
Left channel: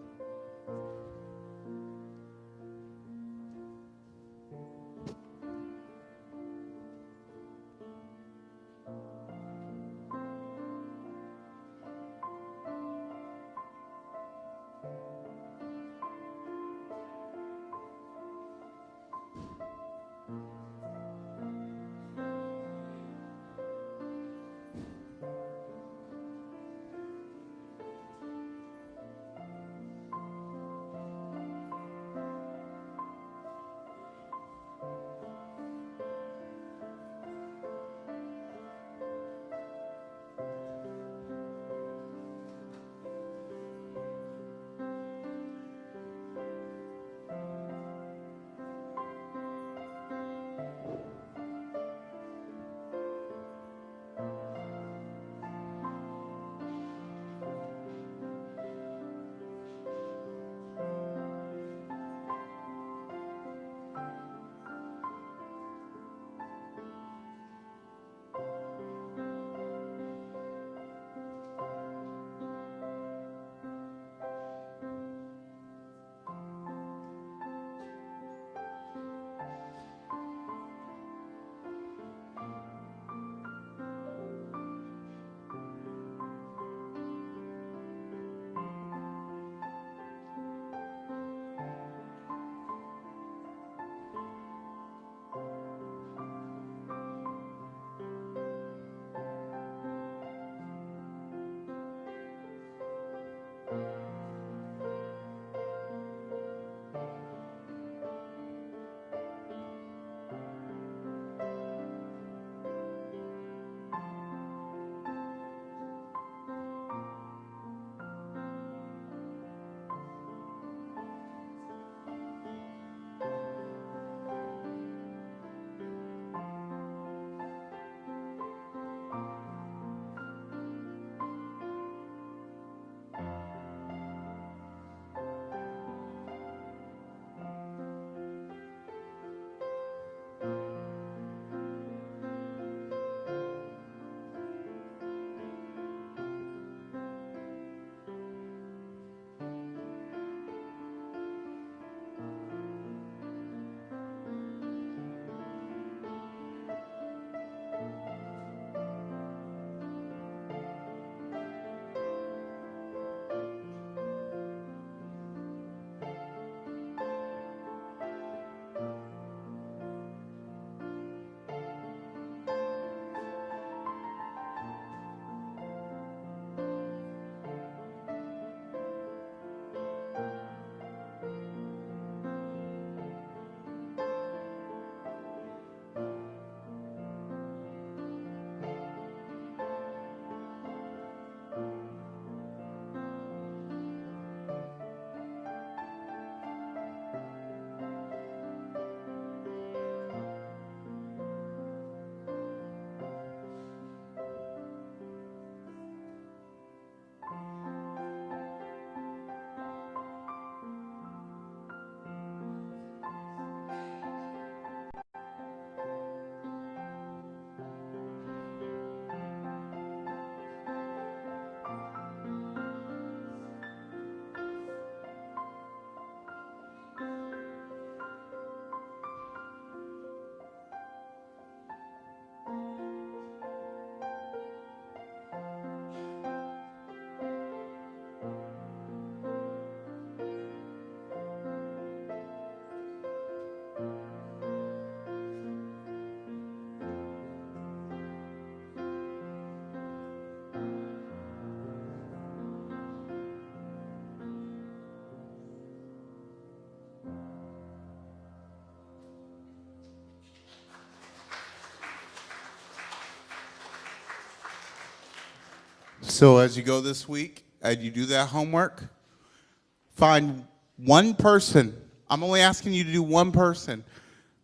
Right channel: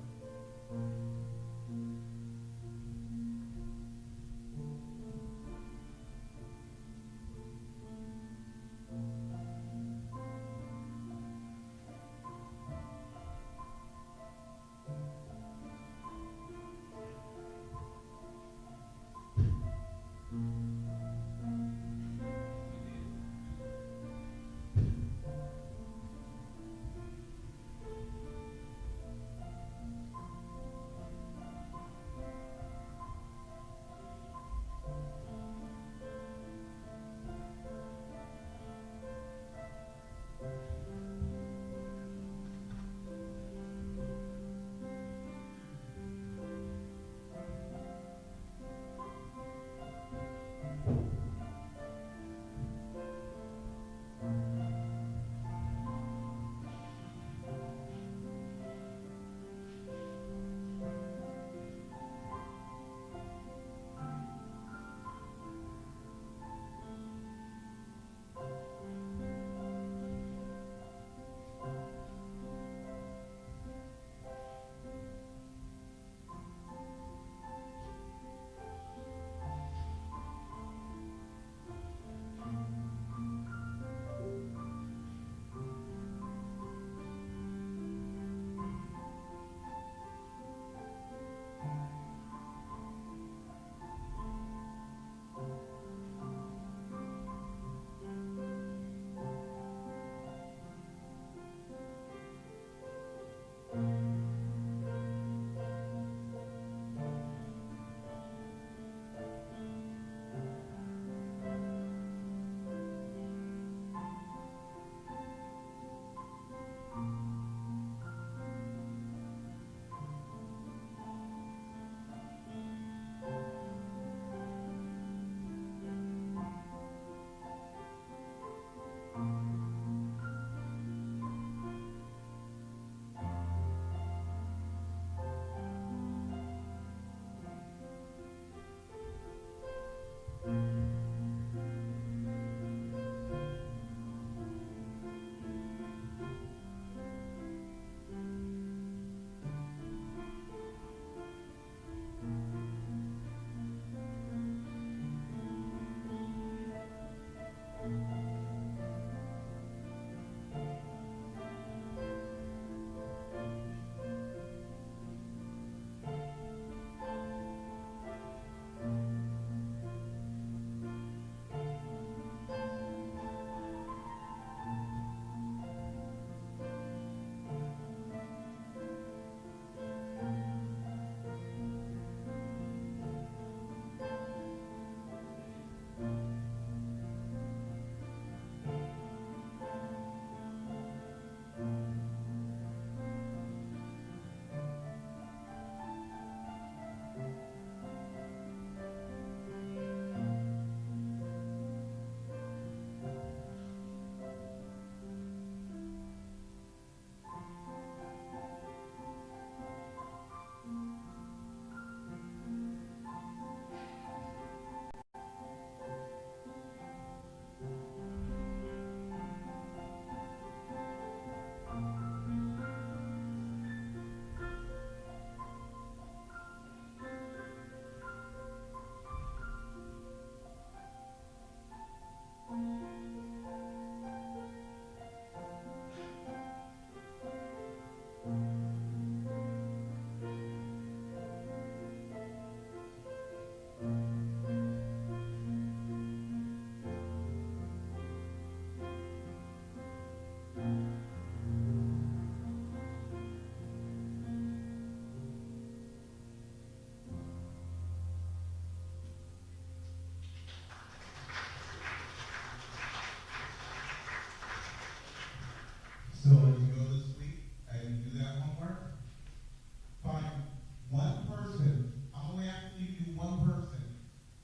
So as you go this week and you do that homework, find one person. I'm only asking you to do one person.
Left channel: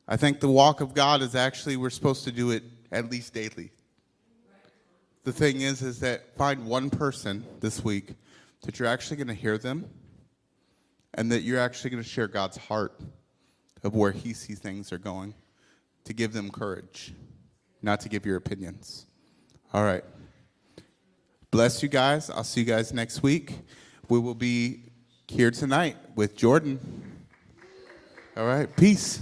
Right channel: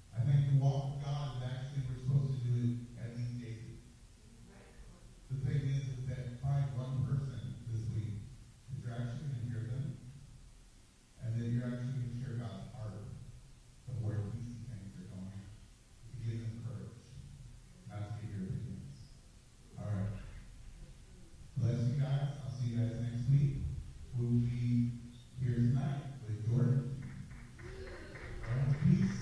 I think the walk of God is actually, we're supposed to do it at least daily. The thing is that find one person this week that you're actually going to hear them and that you're actually going to share God's heart of where he sees things are going, to give them courage, not to give your opinions. All right. Bless you guys. I'll see you guys next week. We will be here tonight with Jordan. All right. Peace.